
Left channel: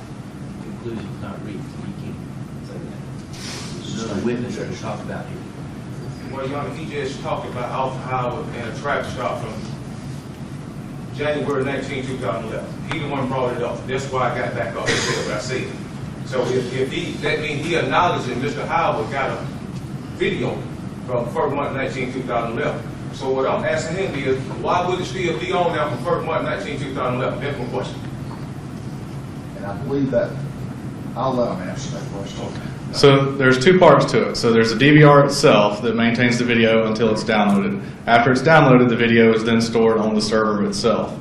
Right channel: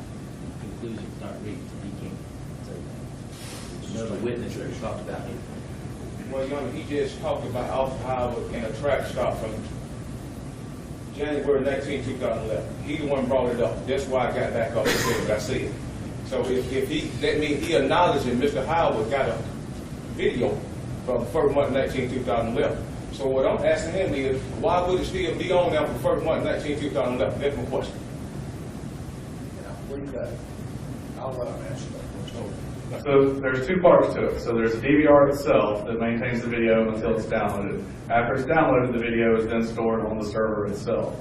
conclusion is not reached. You can't say that. None of the witnesses talked about it. Well, Your Honor, he just talked about Officer Howard and a traffic stop from January 19, 2011. He the one brought it up. That's why I got back up and said what I said. So if he, that means he acknowledged that Mr. Howard got a video from first month 2011. So what I'm asking him is, why would it still be on now from first month 2011? That's my question. And I believe that, I'll let him answer that question. So there's two parts to it. So there's the DVR itself that maintains the video until it's downloaded. After it's downloaded, the video is then stored on the server itself.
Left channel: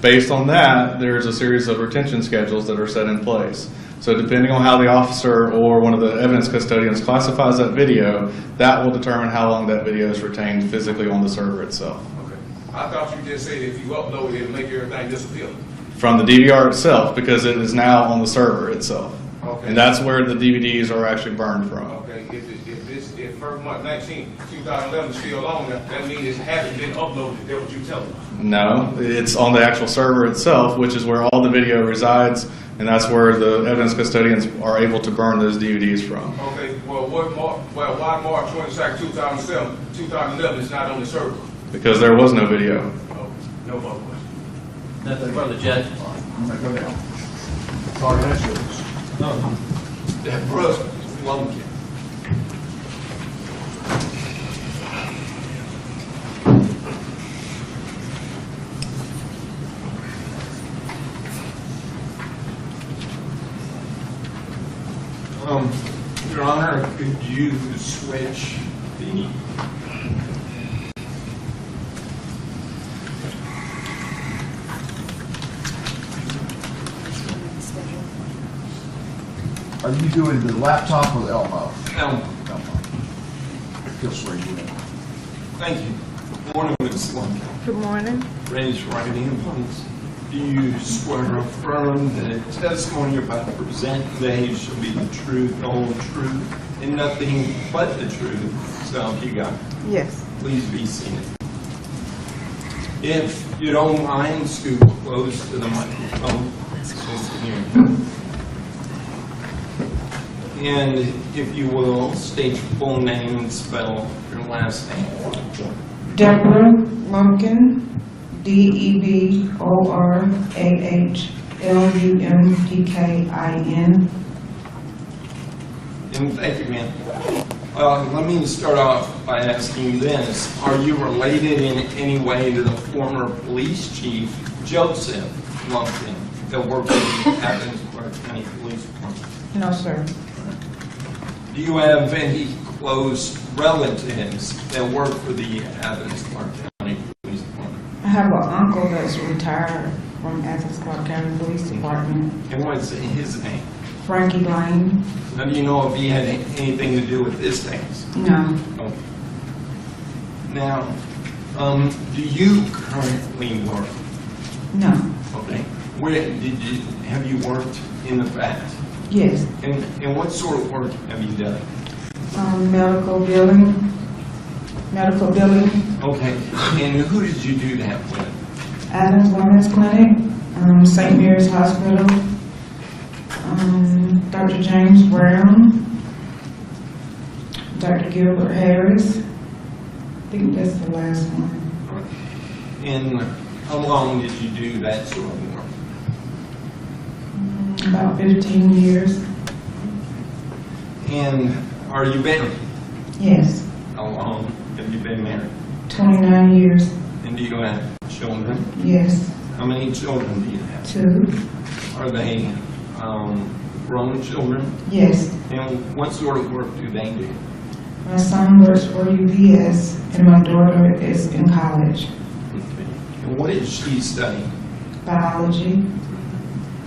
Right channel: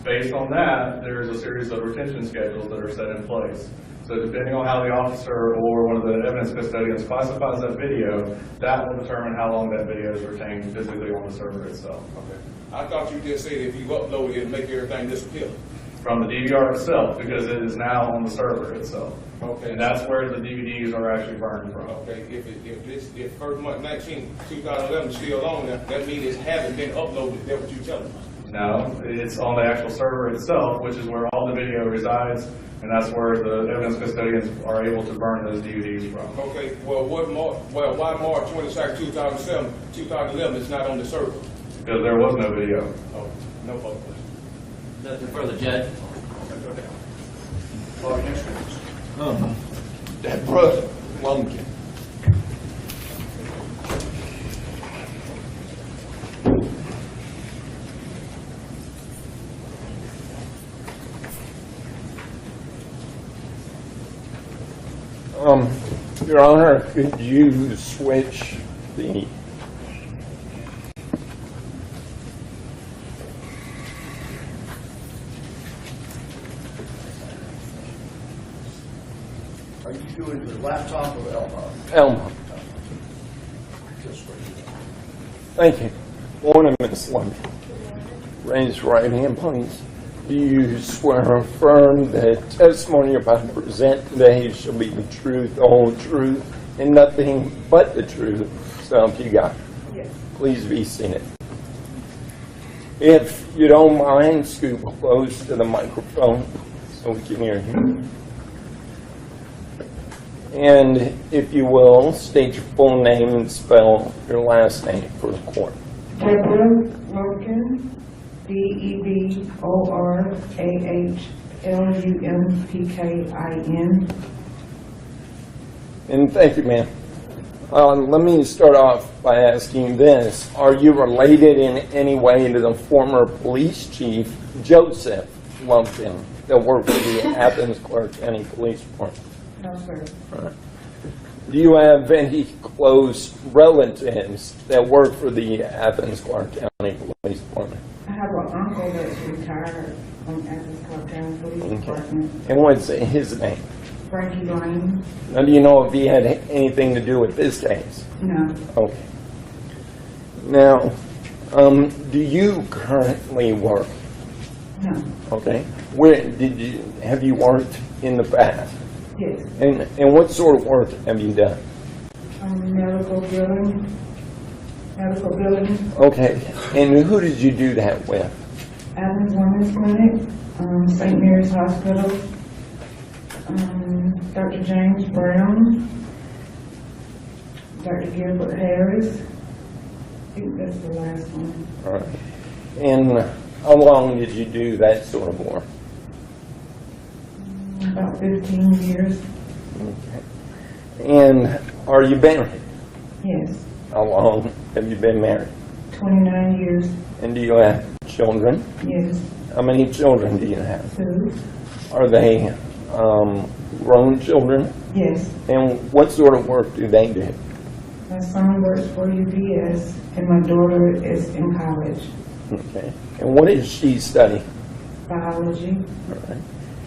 Based on that, there's a series of retention schedules that are set in place. So depending on how the officer or one of the evidence custodians classifies that video, that will determine how long that video is retained physically on the server itself. Okay. I thought you just said if you upload it, it'll make everything disappear. From the DVR itself, because it is now on the server itself. Okay. And that's where the DVDs are actually burned from. Okay, if first month 2011 is still on there, that means it hasn't been uploaded. That's what you're telling me. No, it's on the actual server itself, which is where all the video resides, and that's where the evidence custodians are able to burn those DVDs from. Okay, well, why March 22nd, 2011 is not on the server? Because there was no video. Oh, no further question. Nothing further, Judge. I'm gonna go down. Sorry, that's yours. That brother, Lumkin. Your Honor, could you switch the... Are you doing the laptop or the Elmo? Elmo. Just where you know. Thank you. Morning, Ms. Lumpkin. Good morning. Raise your right hand, please. Do you swear or affirm that testimony you're about to present today shall be the truth, the whole truth, and nothing but the truth? So help you God. Yes. Please be seated. If you don't mind, scoot close to the microphone so we can hear you. And if you will, state your full name and spell your last name for the court. Deborah Lumpkin, DeborahLumpkin. And thank you, ma'am. Let me start off by asking this. Are you related in any way to the former police chief, Joseph Lumpkin, that worked for the Athens Clark County Police Department? No, sir. Do you have any close relatives that work for the Athens Clark County Police Department? I have an uncle that's retired from Athens Clark County Police Department, And what's his name? Frankie Lane. Now, do you know if he had anything to do with this case? No, Okay. Now, do you currently work? no, Okay. Where have you worked in the past? yes. And what sort of work have you done? Medical billing. Okay. And who did you do that with? Athens Women's Clinic, St. Mary's Hospital, Dr. James Brown, Dr. Gilbert Harris. I think that's the last one. All right. And how long did you do that sort of work? About 15 years. And are you married? Yes, How long have you been married? 29 years. And do you have children? Yes, How many children do you have? 2. Are they grown children? Yes, And what sort of work do they do? my son works for UPS and my daughter is in college. Okay. And what is she studying? Biology,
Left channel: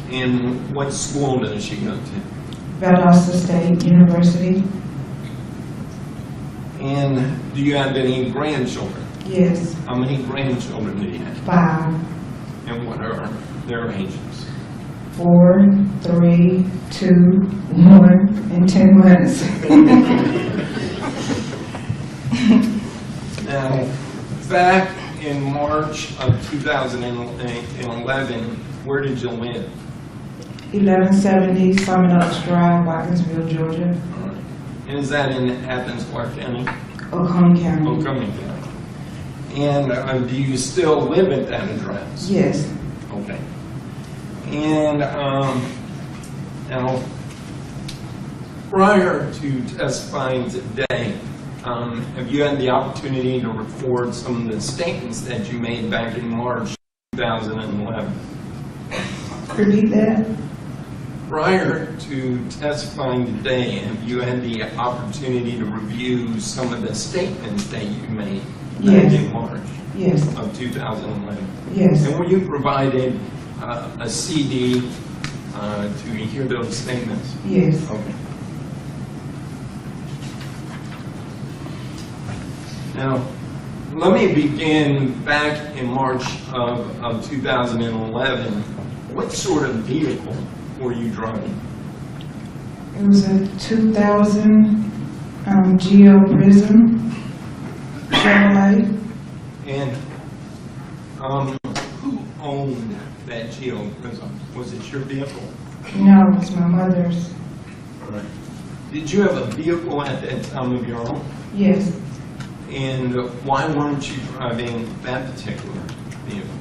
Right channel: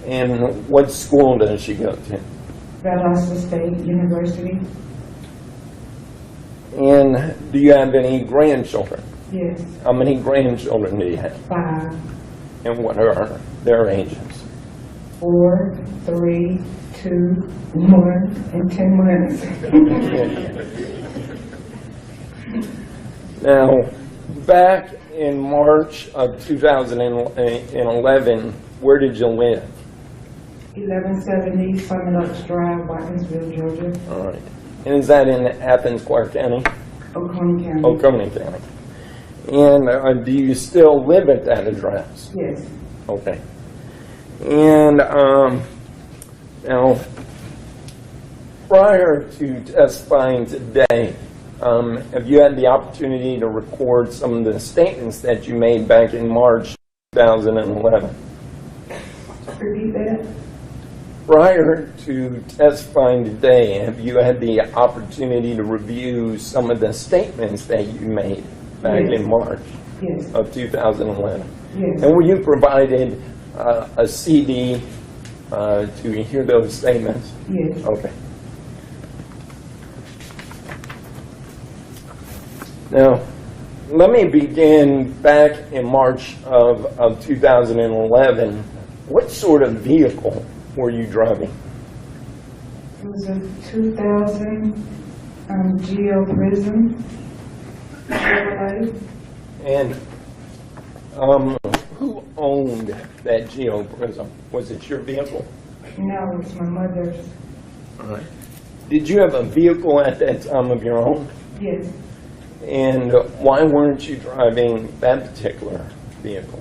And what school does she go to? Valdosta State University. And do you have any grandchildren? Yes, How many grandchildren do you have? 5, And what are their ages? 4, 3, 2, 1, and 10 months. Now, back in March of 2011, where did you live? 1170 Summit Oaks Drive, Watkinsville, Georgia, All right. And is that in Athens, Clark County? Oconee County. Oconee County. And do you still live at that address? Yes, Okay. And now, prior to testifying today, have you had the opportunity to record some of the statements that you made back in March 2011? Repeat that? Prior to testifying today, have you had the opportunity to review some of the statements that you made back Yes. in March Yes, of 2011? yes, And were you provided a CD to hear those statements? yes. Okay. Now, let me begin back in March of 2011. What sort of vehicle were you driving? It was a 2000 Geo Prism Chevrolet. And who owned that Geo Prism? Was it your vehicle? No, it was my mother's. Did you have a vehicle at that time of your own? Yes, And why weren't you driving that particular vehicle?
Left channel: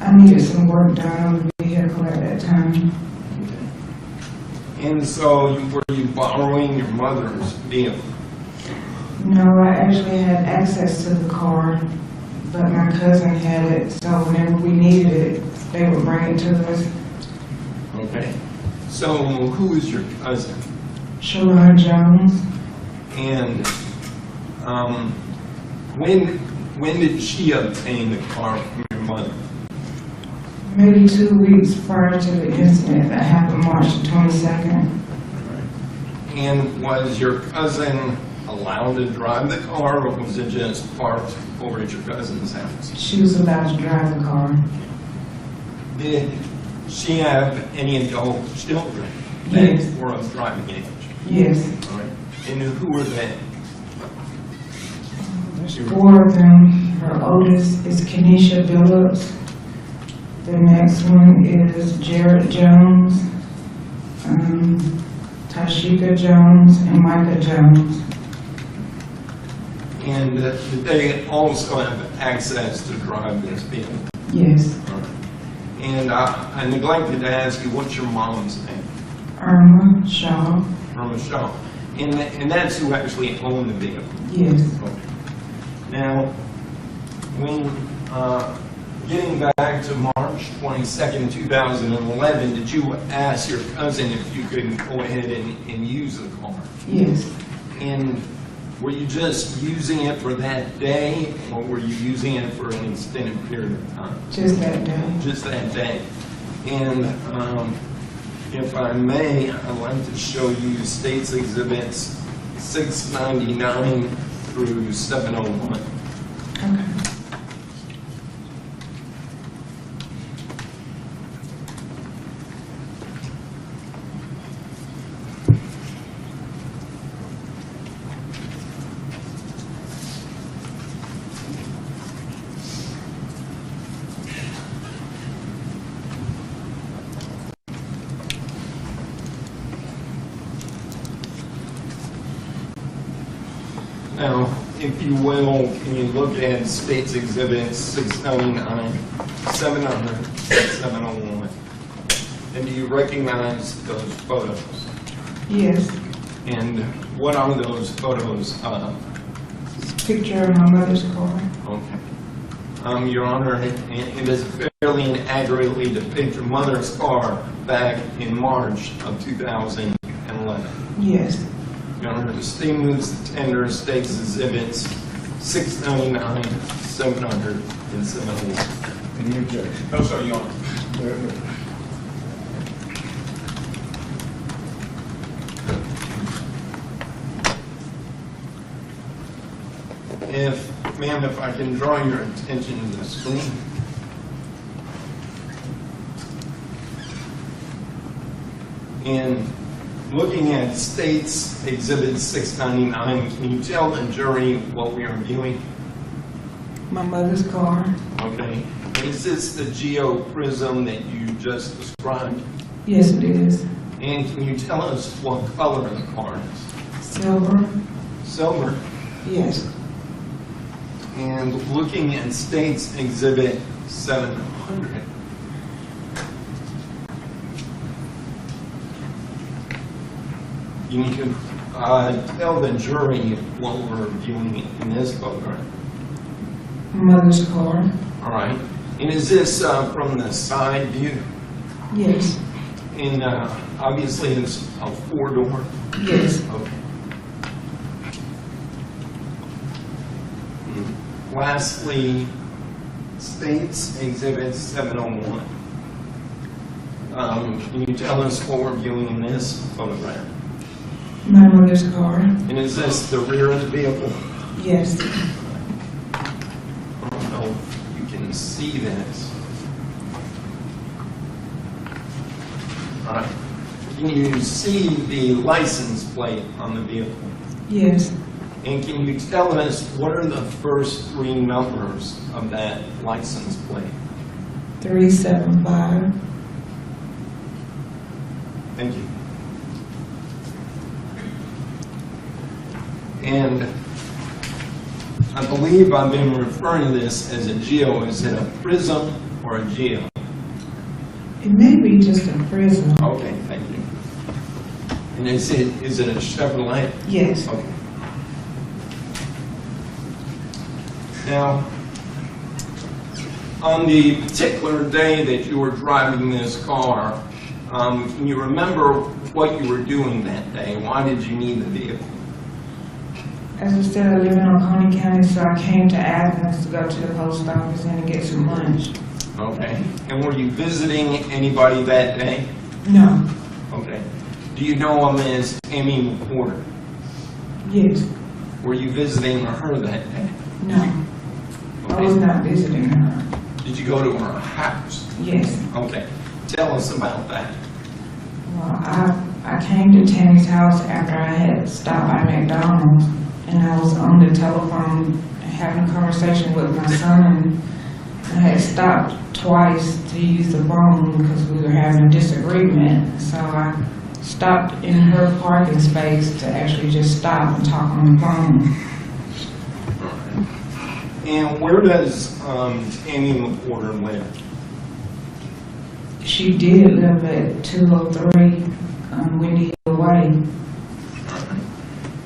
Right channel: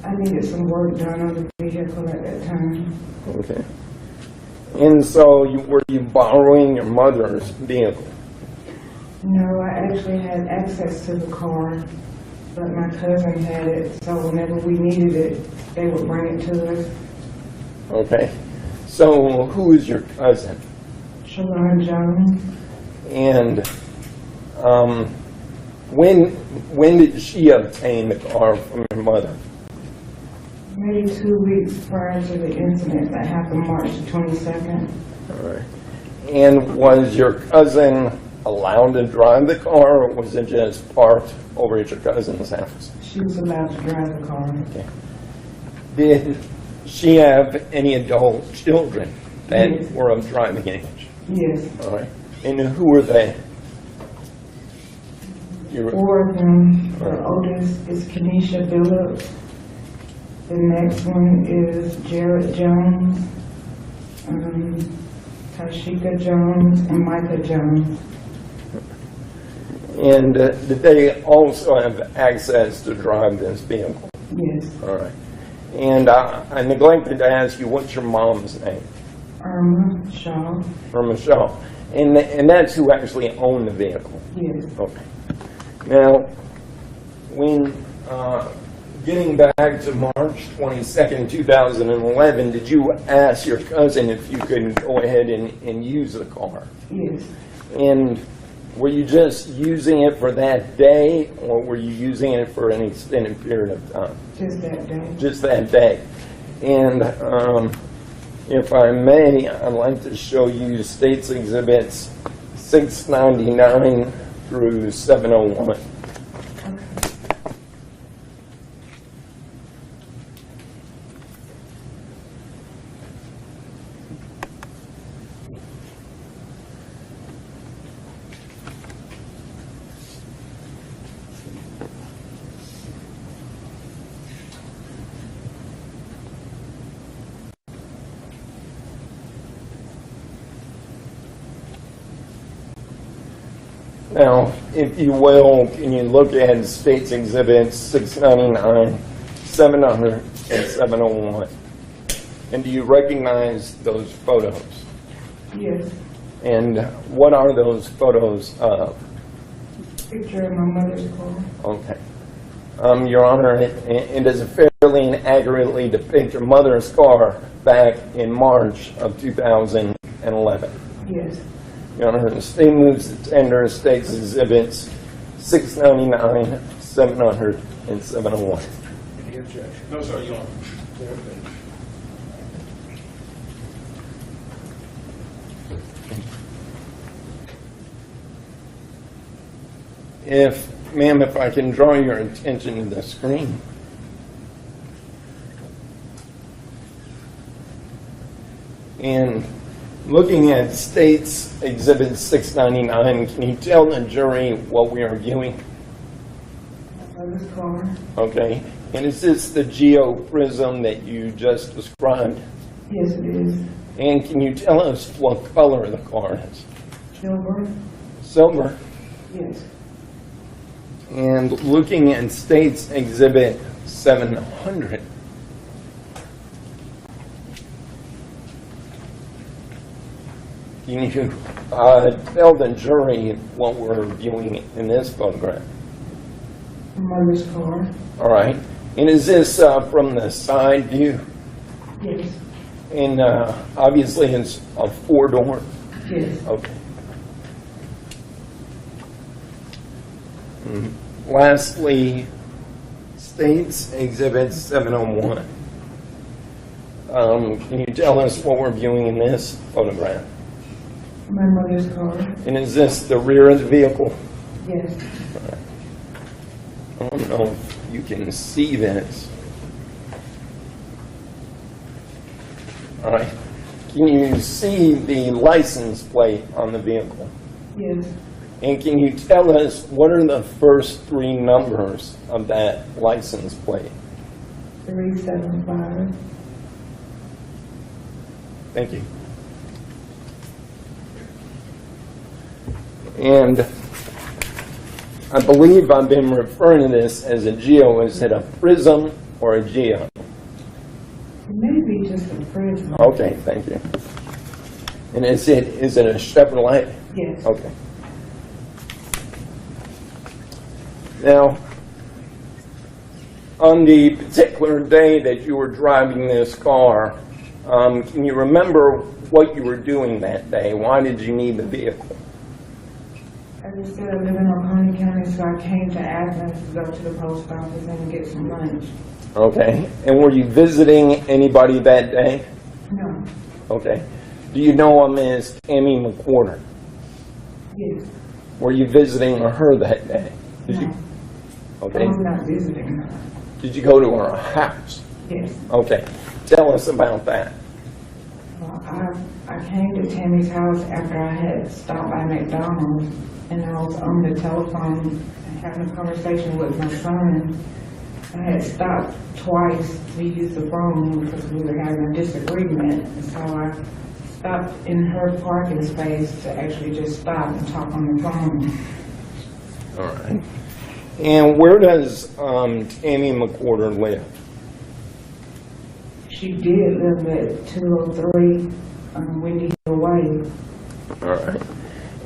I needed some work done on the vehicle at that time. Okay. And so were you borrowing your mother's vehicle? No, I actually had access to the car, but my cousin had it, so whenever we needed it, they would bring it to us. Okay. So who is your cousin? Sharon Jones, And when did she obtain the car from your mother? maybe 2 weeks prior to the incident that happened March 22nd. All right. And was your cousin allowed to drive the car, or was it just parked over at your cousin's house? She was allowed to drive the car. Did she have any adult children that Yes. were of driving age? Yes, All right. And who were they? there's 4 of them. Her oldest is Kenesha Billups. The next one is Jared Jones, Tashika Jones, and Micah Jones. And did they also have access to drive this vehicle? Yes, All right. And I neglected to ask you, what's your mom's name? Irma Shaw. Or Michelle? And that's who actually owned the vehicle. Yes, Okay. Now, when getting back to March 22nd, 2011, did you ask your cousin if you could go ahead and use the car? yes. And were you just using it for that day, or were you using it for an extended period of time? Just that day. Just that day. And if I may, I'd like to show you States Exhibits 699 through 701. Okay. Now, if you will, can you look at States Exhibits 699, 700, and 701? And do you recognize those photos? Yes. And what are those photos of? Picture of my mother's car. Okay. Your Honor, it does fairly and accurately depict your mother's car back in March of 2011. Yes. Your Honor, the state moves to tender States Exhibits 699, 700, and 701. Any objection? No, sir, Your Honor. Very good. Ma'am, if I can draw your attention to the screen. And looking at States Exhibit 699, can you tell the jury what we are viewing? My mother's car. Okay. And is this the Geo Prism that you just described? Yes, it is. And can you tell us what color the car is? Silver. Silver. Yes. And looking at States Exhibit 700, you need to tell the jury what we're viewing in this photograph. Mother's car. All right. And is this from the side view? Yes. And obviously it's a four-door? Yes. Okay. Lastly, State's Exhibit 701. Can you tell us what we're viewing in this photograph? My mother's car. And is this the rear of the vehicle? Yes. I don't know if you can see this. All right. Can you see the license plate on the vehicle? Yes. And can you tell us what are the first three numbers of that license plate? 375. Thank you. And I believe I've been referring to this as a Geo. Is it a Prism or a Geo? It may be just a prison. Okay, thank you. And is it a Chevrolet? Yes. Okay. Now, on the particular day that you were driving this car, can you remember what you were doing that day? Why did you need the vehicle? As I said, I live in Oconee County, so I came to Athens to go to the post office and to get some lunch. Okay. And were you visiting anybody that day? No. Okay. Do you know a Miss Amy McWhorter? Yes. Were you visiting her that day? No. I was Okay. not visiting her. Did you go to her house? Yes. Okay. Tell us about that. Well, I came to Tammy's house after I had stopped by McDonald's, and I was on the telephone having a conversation with my son. I had stopped twice to use the phone because we were having a disagreement. So I stopped in her parking space to actually just stop and talk on the phone. All right. And where does Amy McWhorter live? She did live at 203 Windy Hill Way. All right.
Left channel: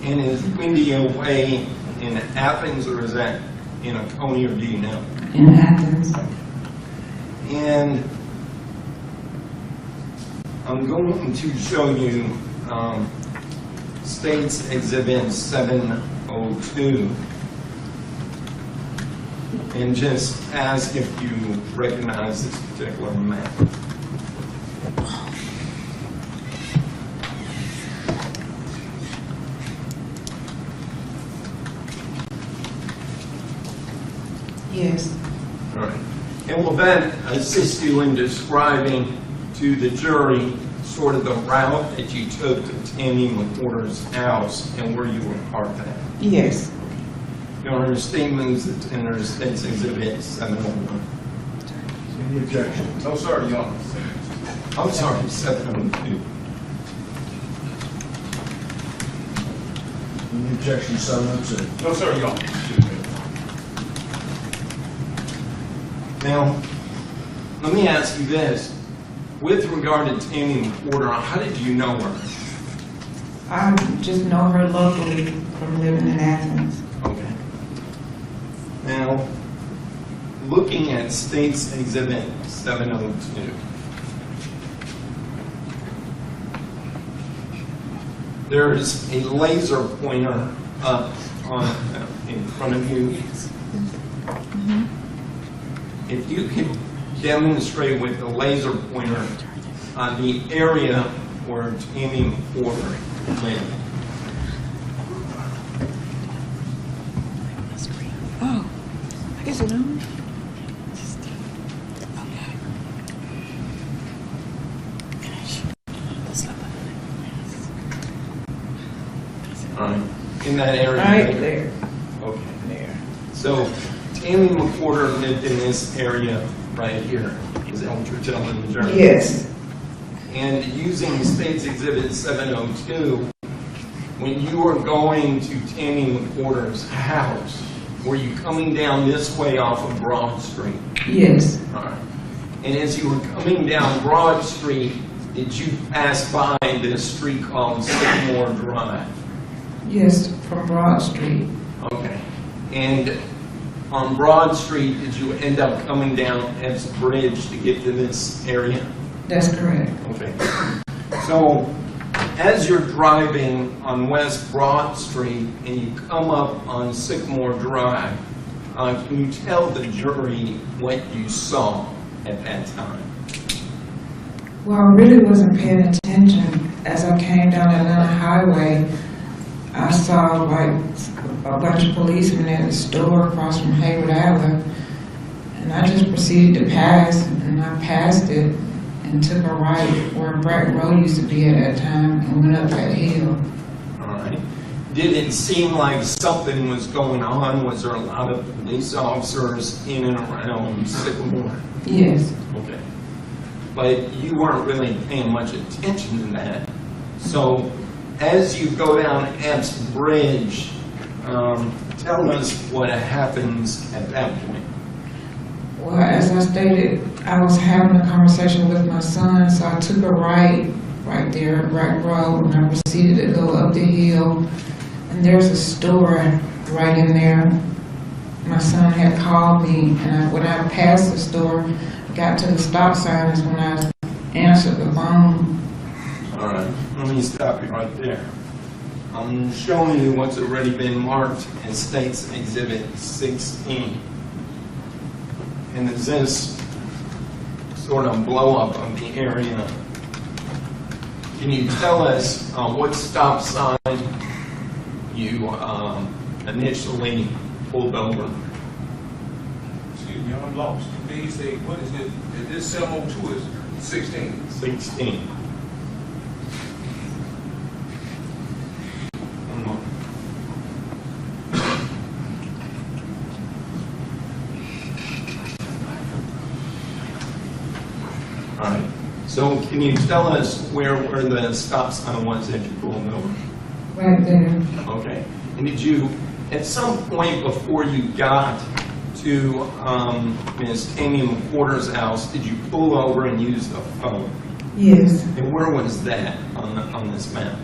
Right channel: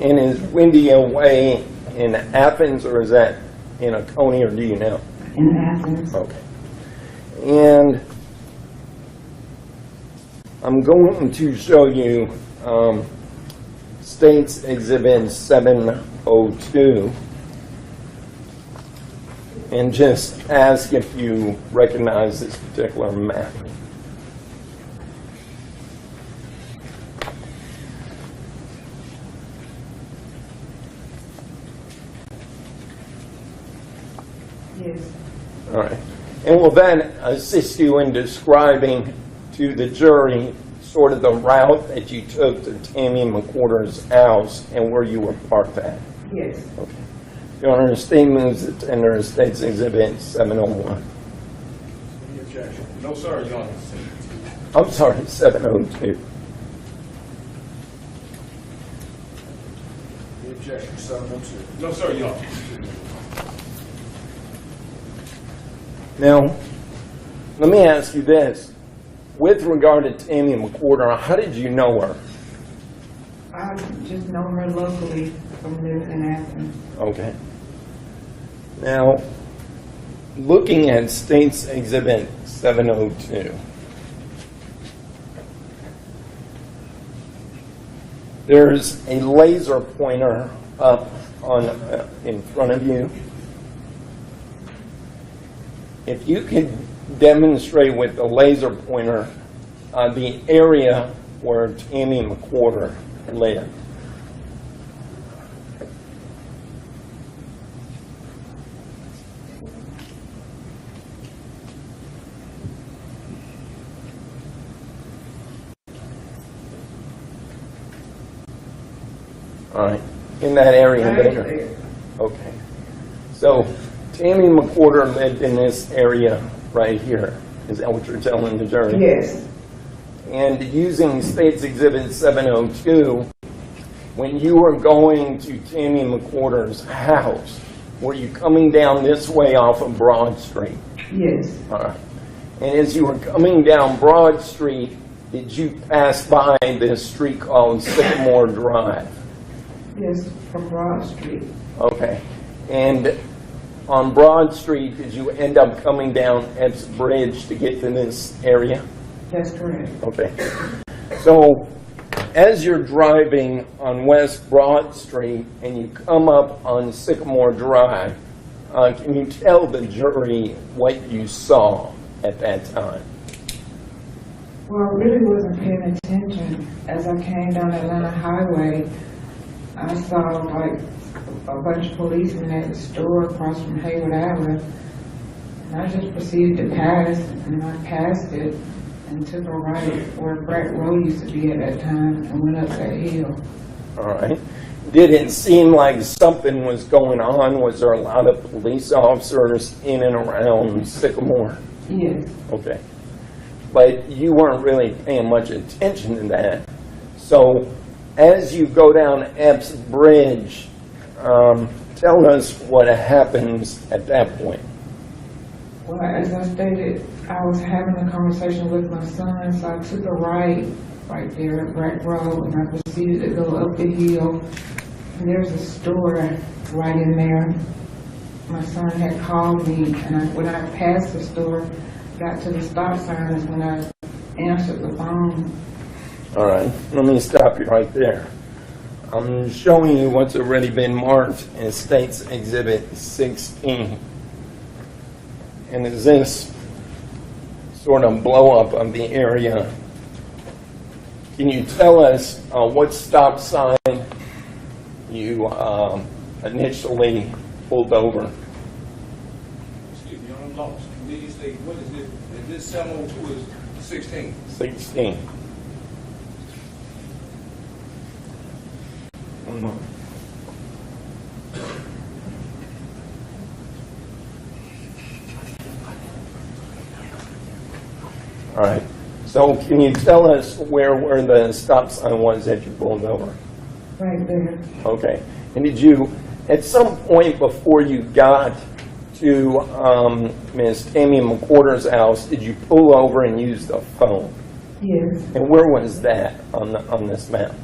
And is Windy away in Athens, or is that in Oconee, or do you know? In Athens. Okay. And I'm going to show you State's Exhibit 702 and just ask if you recognize this particular map. Yes. All right. And will then assist you in describing to the jury sort of the route that you took to Tammy McWhorter's house and where you were parked at. Yes. Your Honor, State moves to tender State's Exhibit 701. Any objection? No, sir, Your Honor. I'm sorry, 702. Any objection, 702? No, sir, Your Honor. Now, let me ask you this. With regard to Tammy McWhorter, how did you know her? I just know her locally from living in Athens. Okay. Now, looking at State's Exhibit 702, there's a laser pointer up on in front of you. If you could demonstrate with the laser pointer the area where Tammy McWhorter lived. Oh, I guess you know. All right, in that area Right there. there. Okay. So Tammy McWhorter lived in this area right here. Is that what you're telling the jury? Yes. And using State's Exhibit 702, when you were going to Tammy McWhorter's house, were you coming down this way off of Broad Street? Yes. All right. And as you were coming down Broad Street, did you pass by this street called Sycamore Drive? Yes, from Broad Street. Okay. And on Broad Street, did you end up coming down Ebbs Bridge to get to this area? That's correct. Okay. So as you're driving on West Broad Street and you come up on Sycamore Drive, can you tell the jury what you saw at that time? Well, I really wasn't paying attention. As I came down Atlanta Highway, I saw like a bunch of policemen at the store across from Hayward Avenue, and I just proceeded to pass, and I passed it and took a right where Brick Road used to be at that time and went up that hill. All right. Did it seem like something was going on? Was there a lot of police officers in and around Sycamore? Yes. Okay. But you weren't really paying much attention to that. So as you go down Ebbs Bridge, tell us what happens at that point. Well, as I stated, I was having a conversation with my son, so I took a right there at Brick Road, and I proceeded to go up the hill. And there's a store right in there. My son had called me, and when I passed the store, got to the stop sign is when I answered the phone. All right, let me stop you right there. I'm showing you what's already been marked as State's Exhibit 16. And is this sort of blow up of the area? Can you tell us what stop sign you initially pulled over? Excuse me, I'm lost. Did you say, what is this? Is this 702 is 16? 16. One more. All right. So can you tell us where the stop sign was that you pulled over? Right there. Okay. And did you, at some point before you got to Ms. Tammy McWhorter's house, did you pull over and use the phone? Yes. And where was that on this map?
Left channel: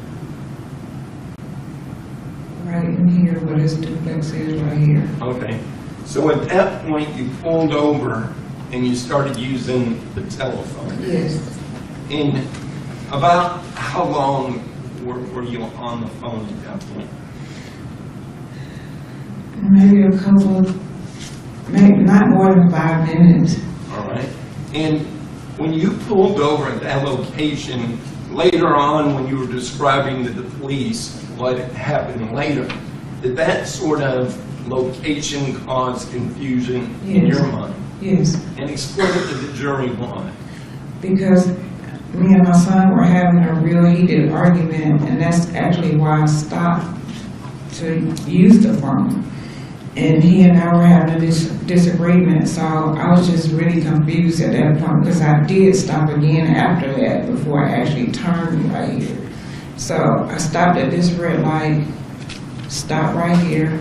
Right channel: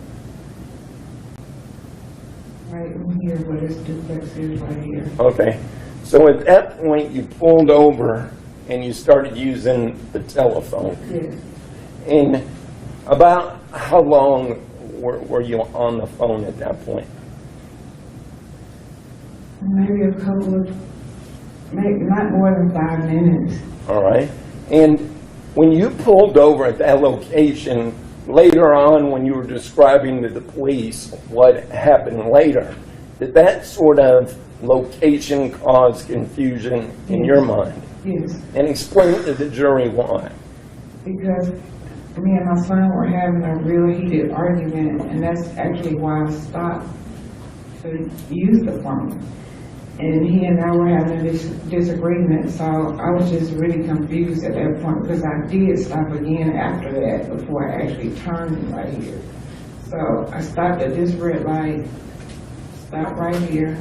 Right in here, where this duplex is, right here. Okay. So at that point, you pulled over and you started using the telephone. Yes. And about how long were you on the phone at that point? Maybe a couple of, maybe not more than 5 minutes. All right. And when you pulled over at that location, later on when you were describing to the police what happened later, did that sort of location cause confusion in your mind? Yes. And explain to the jury why. Because me and my son were having a real heated argument, and that's actually why I stopped to use the phone. And he and I were having a disagreement, so I was just really confused at that point, because I did stop again after that before I actually turned right here. So I stopped at this red light, stopped right here.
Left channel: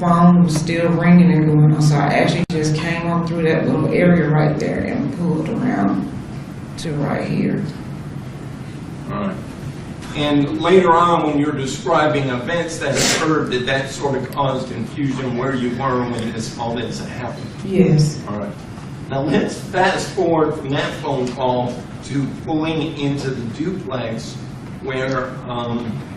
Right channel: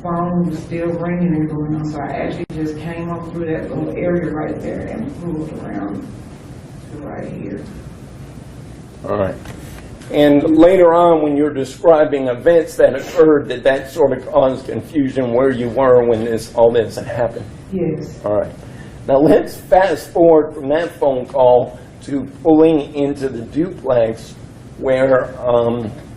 Phone was still ringing and going on, so I actually just came on through that little area right there and pulled around to right here. All right. And later on, when you're describing events that occurred, did that sort of cause confusion where you were when all this happened? Yes. All right. Now let's fast forward from that phone call to pulling into the duplex where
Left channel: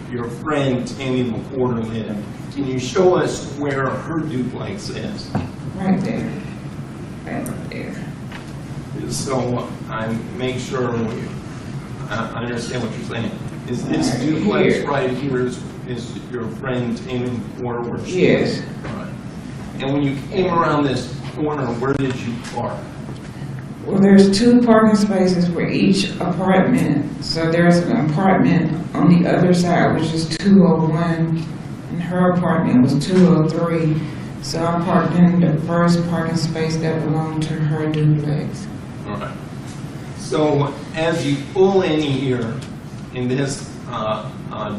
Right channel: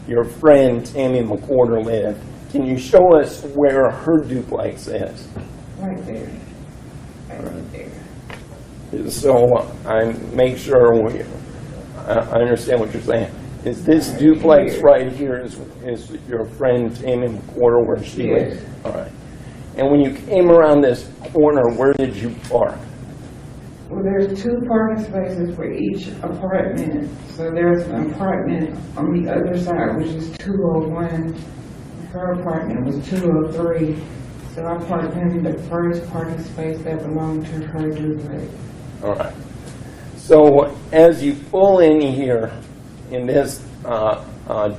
your friend Tammy McWhorter lived. Can you show us where her duplex is? Right there. Right there. So I make sure I understand what you're saying. Is this duplex here. right here is your friend Tammy McWhorter where she Yes. is? All right. And when you came around this corner, where did you park? Well, there's 2 parking spaces for each apartment. So there's an apartment on the other side, which is 201. And her apartment was 203. So I parked in the first parking space that belonged to her duplex. All right. So as you pull in here in this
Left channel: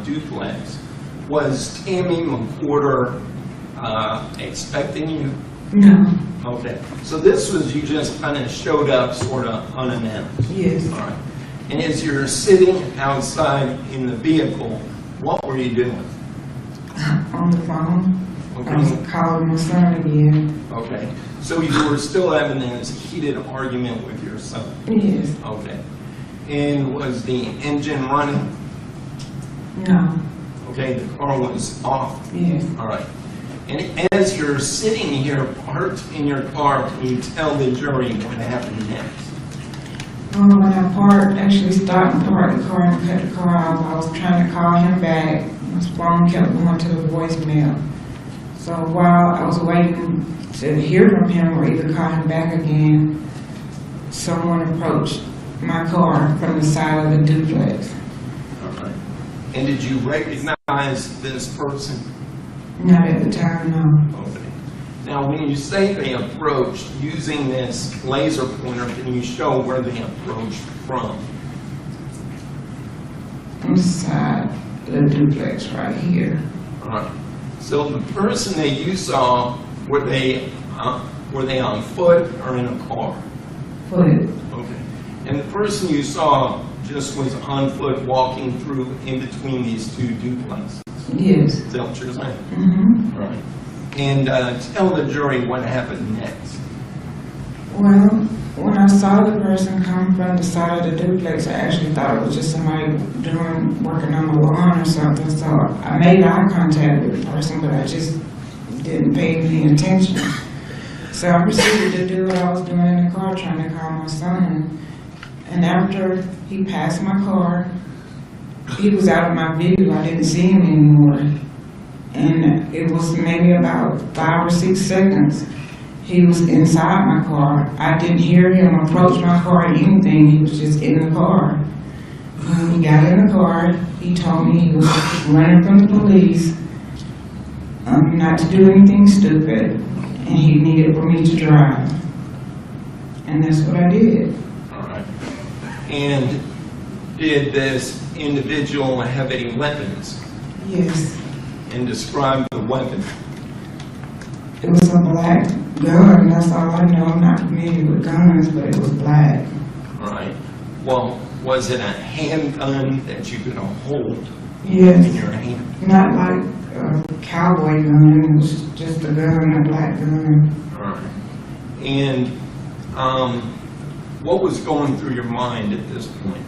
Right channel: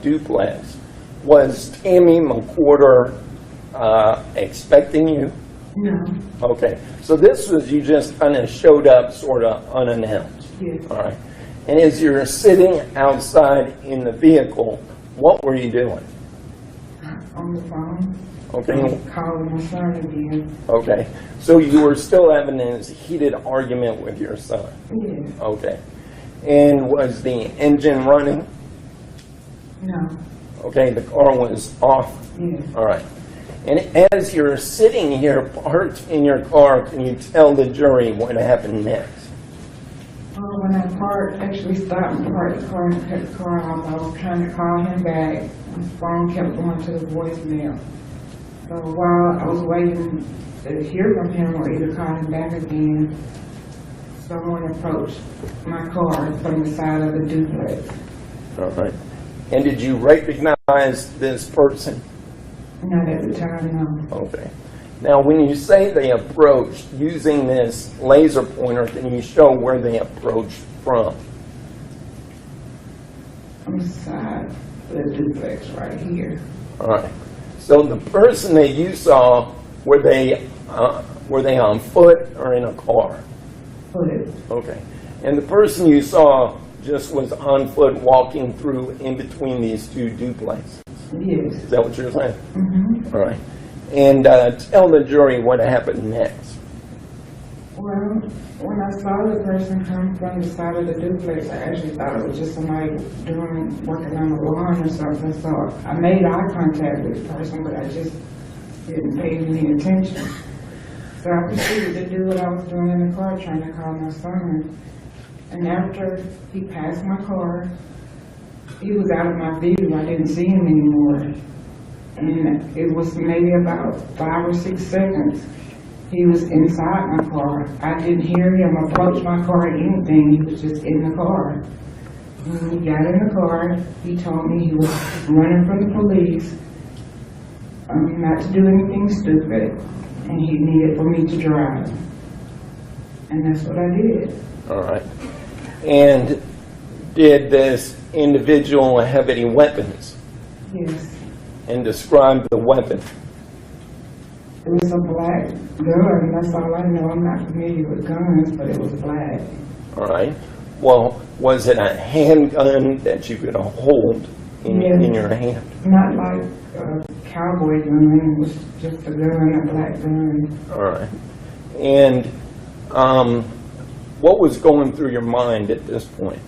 duplex, was Tammy McWhorter expecting you? No. Okay. So this was you just kind of showed up sort of unannounced. Yes. All right. And as you're sitting outside in the vehicle, what were you doing? On the phone. Okay. I was calling my son again. Okay. So you were still having this heated argument with your son? Yes. Okay. And was the engine running? No. Okay, the car was off? Yes. All right. And as you're sitting here parked in your car, can you tell the jury what happened next? When I parked, actually stopped and parked the car and cut the car off, I was trying to call him back. His phone kept going to the voicemail. So while I was waiting to hear from him or either call him back again, someone approached my car from the side of the duplex. All right. And did you recognize this person? Not at the time, no. Okay. Now, when you say they approached using this laser pointer, can you show where they approached from? On the side of the duplex right here. All right. So the person that you saw, were they on foot or in a car? Foot. Okay. And the person you saw just was on foot walking through in between these two duplexes? Yes. Is that what you're saying? Mm-hmm. All right. And tell the jury what happened next. Well, when I saw the person come from the side of the duplex, I actually thought it was just somebody working on the lawn or something. So I made eye contact with the person, but I just didn't pay any attention. So I proceeded to do what I was doing in the car, trying to call my son. And after he passed my car, he was out of my view. I didn't see him anymore. And it was maybe about 5 or 6 seconds. He was inside my car. I didn't hear him approach my car or anything. He was just in the car. When he got in the car, he told me he was running from the police, not to do anything stupid, and he needed for me to drive. And that's what I did. All right. And did this individual have any weapons? Yes. And describe the weapon. It was a black gun. That's all I know. I'm not familiar with guns, but it was black. All right. Well, was it a handgun that you could hold Yes. in your hand? Not like a cowboy gun. It was just a gun, a black gun. All right. And what was going through your mind at this point?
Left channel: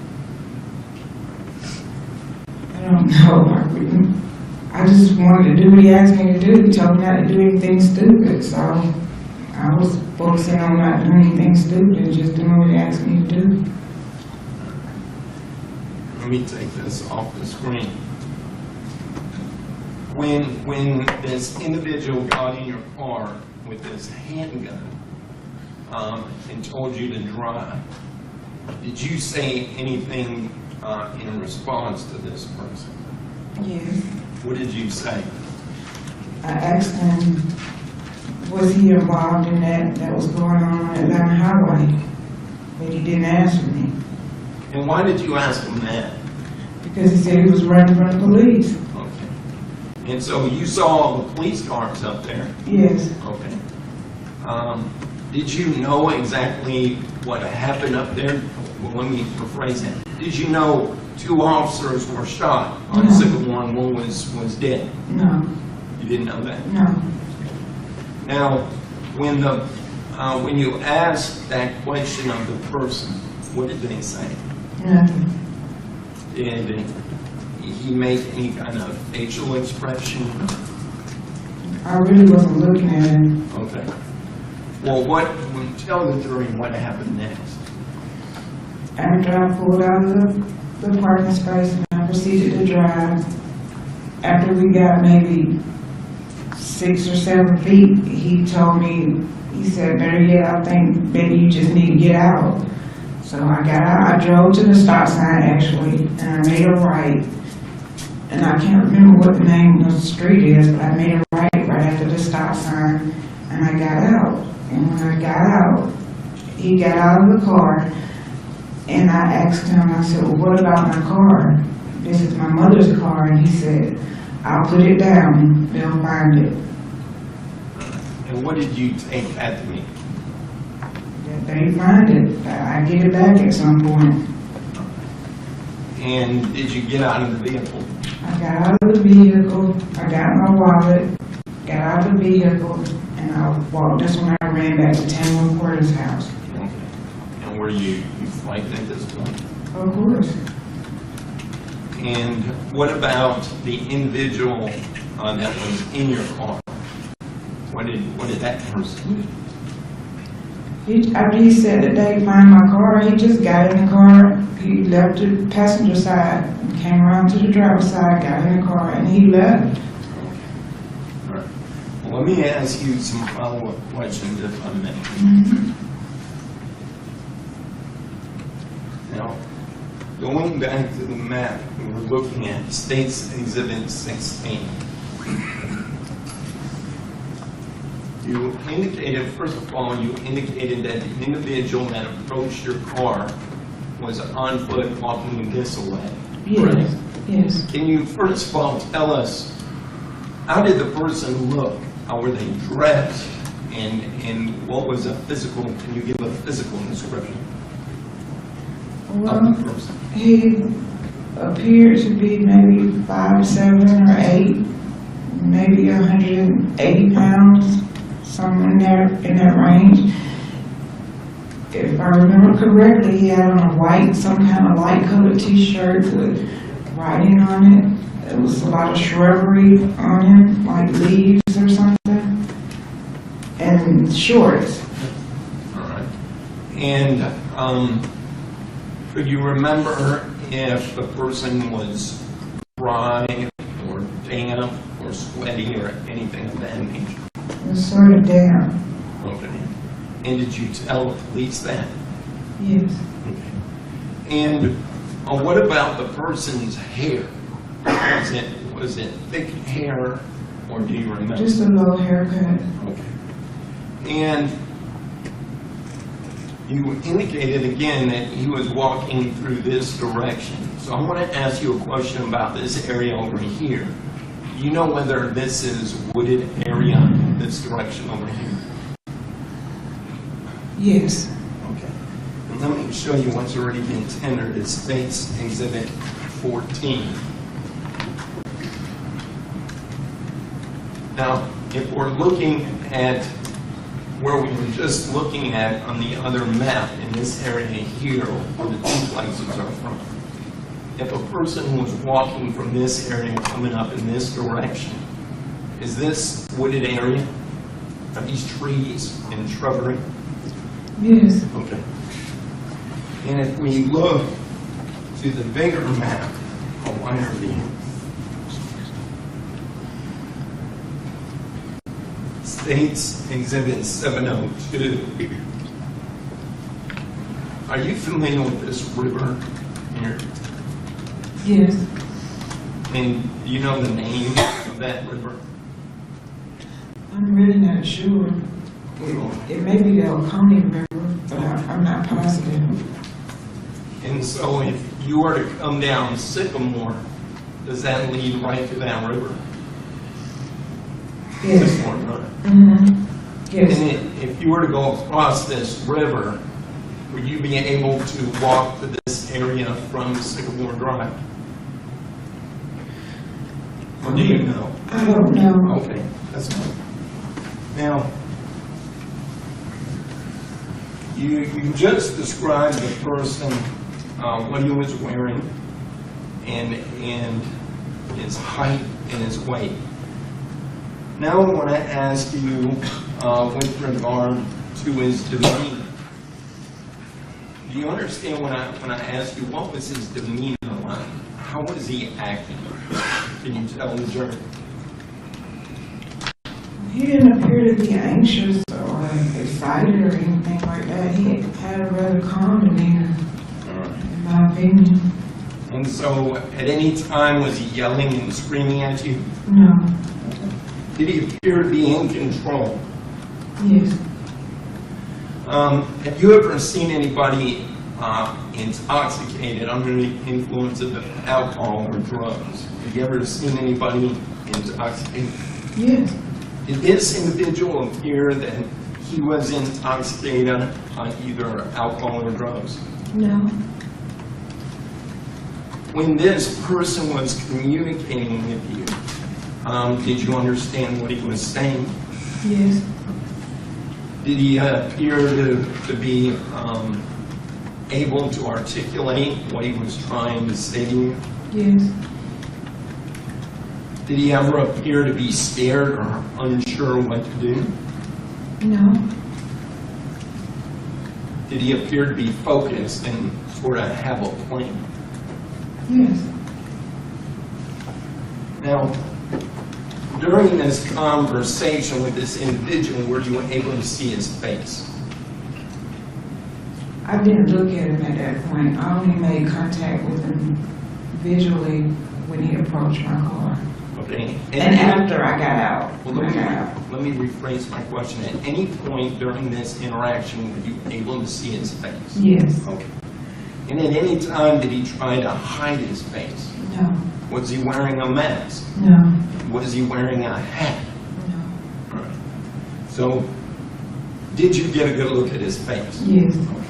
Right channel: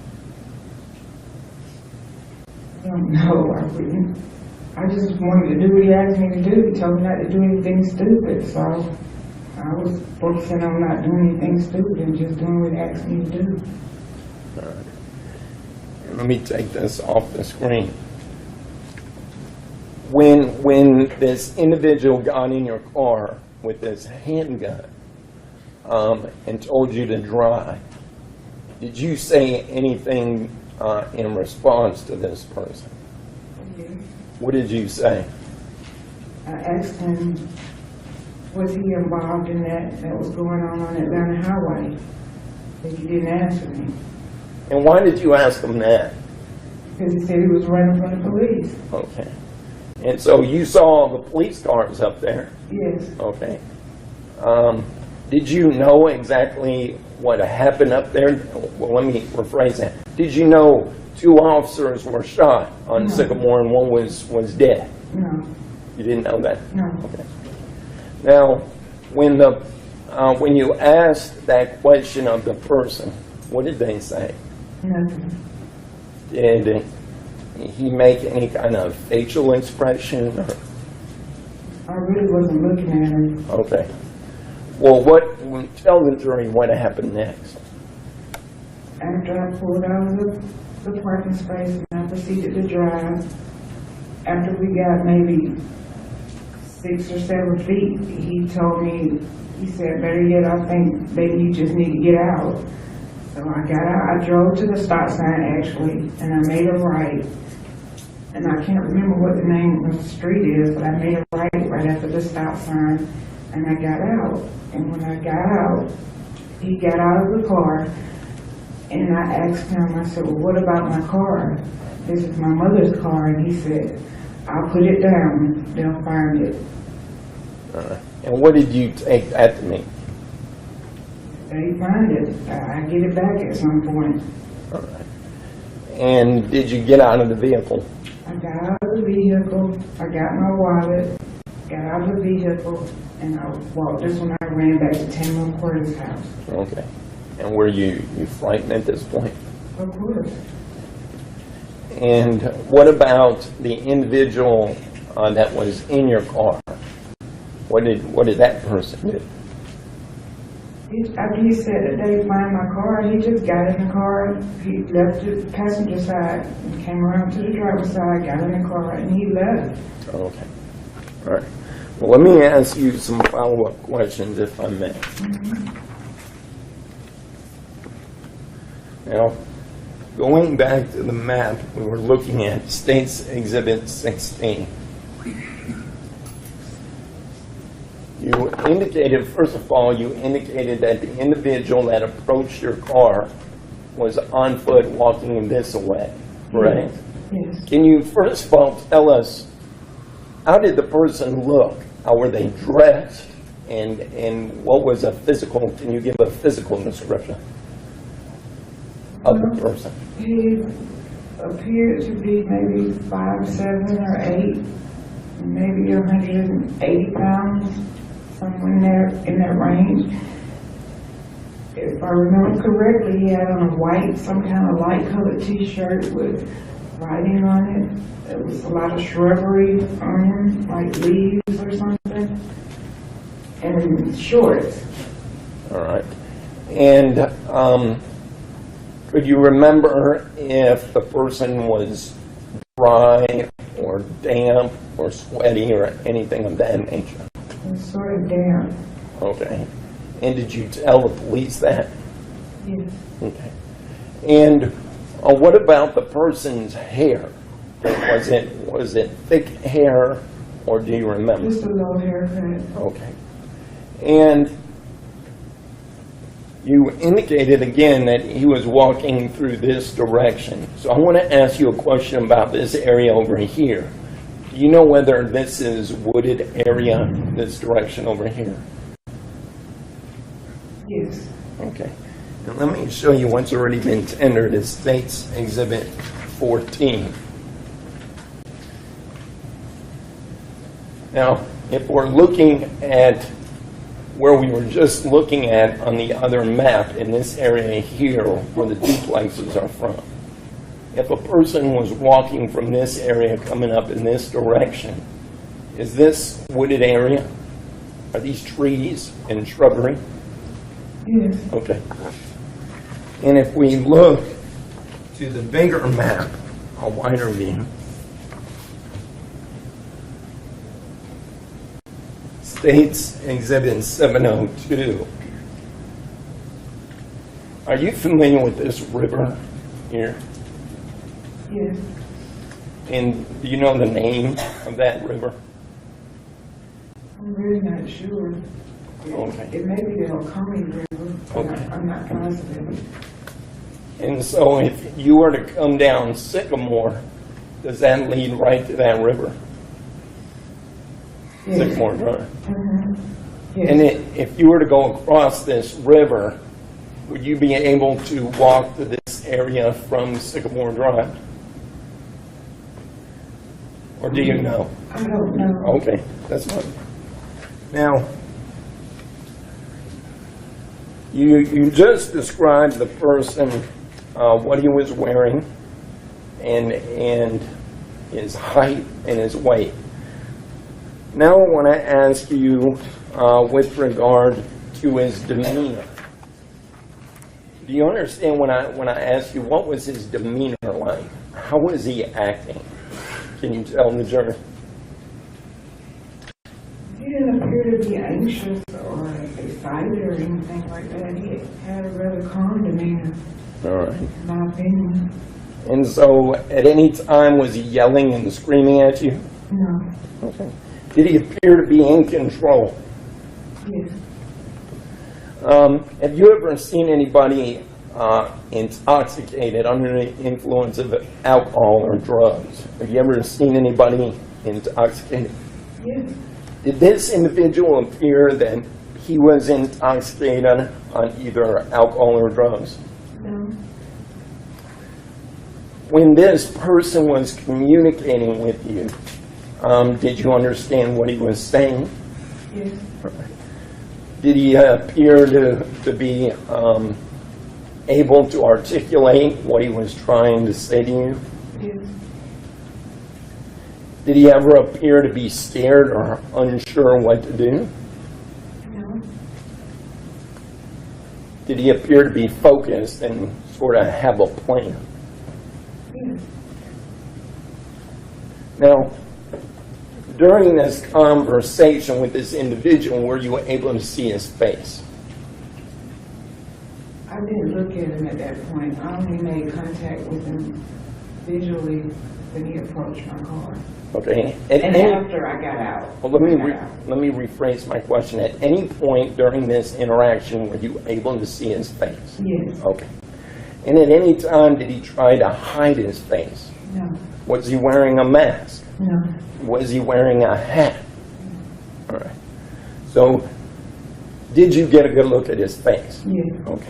I don't know. I just wanted to do what he asked me to do. He told me not to do anything stupid, so I was focusing on not doing anything stupid and just doing what he asked me to do. Let me take this off the screen. When this individual got in your car with this handgun and told you to drive, did you say anything in response to this person? Yes. What did you say? I asked him, was he involved in that was going on Atlanta Highway? But he didn't answer me. And why did you ask him that? Because he said he was running from the police. Okay. And so you saw the police cars up there? Yes. Okay. Did you know exactly what happened up there? Well, let me rephrase that. Did you know 2 officers were shot on Sycamore and one was dead? No. You didn't know that? No. Okay. Now, when you asked that question of the person, what did they say? Nothing. Did he make any kind of facial expression? I really wasn't looking at him. Okay. Well, tell the jury what happened next. After I pulled out of the parking space and I proceeded to drive, after we got maybe 6 or 7 feet, he told me, he said, better yet, I think maybe you just need to get out. So I got out, I drove to the stop sign actually, and I made a right. And I can't remember what the name of the street is, but I made a right after the stop sign, and I got out. And when I got out, he got out of the car, and I asked him, I said, well, what about my car? This is my mother's car, and he said, I'll put it down, they'll find it. And what did you take that to me? They find it, I get it back at some point. And did you get out of the vehicle? I got out of the vehicle, I got my wallet, got out of the vehicle, and I walked. That's when I ran back to 10 Porter's house. Okay. And were you frightened at this point? Of course. And what about the individual that was in your car? What did that person do? After he said that they find my car, he just got in the car, he left the passenger side, and came around to the driver's side, got in the car, and he left. Okay. All right. Well, let me ask you some follow-up questions, if I may. Now, going back to the map we were looking at, States Exhibit 16. You indicated, first of all, you indicated that the individual that approached your car was on foot walking this way, correct? Yes. Can you first of all tell us, how did the person look? How were they dressed? And what was a physical, can you give a physical description of the person? He appeared to be maybe 5'7" or 8", maybe 180 pounds, somewhere in that range. If I remember correctly, he had on a white, some kind of light colored t-shirt with writing on it. There was a lot of shrubbery on him, like leaves or something, and shorts. All right. And could you remember if the person was dry or damp or sweaty or anything of that nature? It was sort of damp. Okay. And did you tell the police that? Yes. Okay. And what about the person's hair? Was it thick hair, or do you remember? Just a low haircut. Okay. And you indicated again that he was walking through this direction. So I want to ask you a question about this area over here. Do you know whether this is wooded area, this direction over here? Yes. Okay. Now let me show you what's already been tendered. It's States Exhibit 14. Now, if we're looking at where we were just looking at on the other map, in this area here where the duplexes are from, if a person was walking from this area coming up in this direction, is this wooded area? Are these trees and shrubbery? Yes. Okay. And if we look to the bigger map, a wider view, States Exhibit 702. Are you familiar with this river here? Yes. And do you know the name of that river? I'm really not sure. Okay. It may be the Oconee River, but I'm not positive. And so if you were to come down Sycamore, does that lead right to that river? Yes. Sycamore Drive. Mm-hmm. Yes. And if you were to go across this river, would you be able to walk to this area from Sycamore Drive? Or do you know? I don't know. Okay, that's fine. Now, you just described the person, what he was wearing, and his height and his weight. Now I want to ask you with regard to his demeanor. Do you understand when I ask you what was his demeanor like? How was he acting? Can you tell the jury? He didn't appear to be anxious or excited or anything like that. He had a rather calm demeanor, All right. in my opinion. And so, at any time, was he yelling and screaming at you? No. Okay. Did he appear to be in control? Yes. Have you ever seen anybody intoxicated under the influence of alcohol or drugs? Have you ever seen anybody intoxicated? Yes. Did this individual appear that he was intoxicated on either alcohol or drugs? No. When this person was communicating with you, did you understand what he was saying? Yes. Did he appear to be able to articulate what he was trying to say to you? Yes. Did he ever appear to be scared or unsure what to do? No. Did he appear to be focused and sort of have a plan? Yes. Now, during this conversation with this individual, were you able to see his face? I didn't look at him at that point. I only made contact with him visually when he approached my car. Okay. And after I got out. Well, let me rephrase my question. At any point during this interaction, were you able to see his face? Yes. Okay. And at any time, did he try to hide his face? No. Was he wearing a mask? No. Was he wearing a hat? No. All right. So, did you get a good look at his face? Yes. Okay.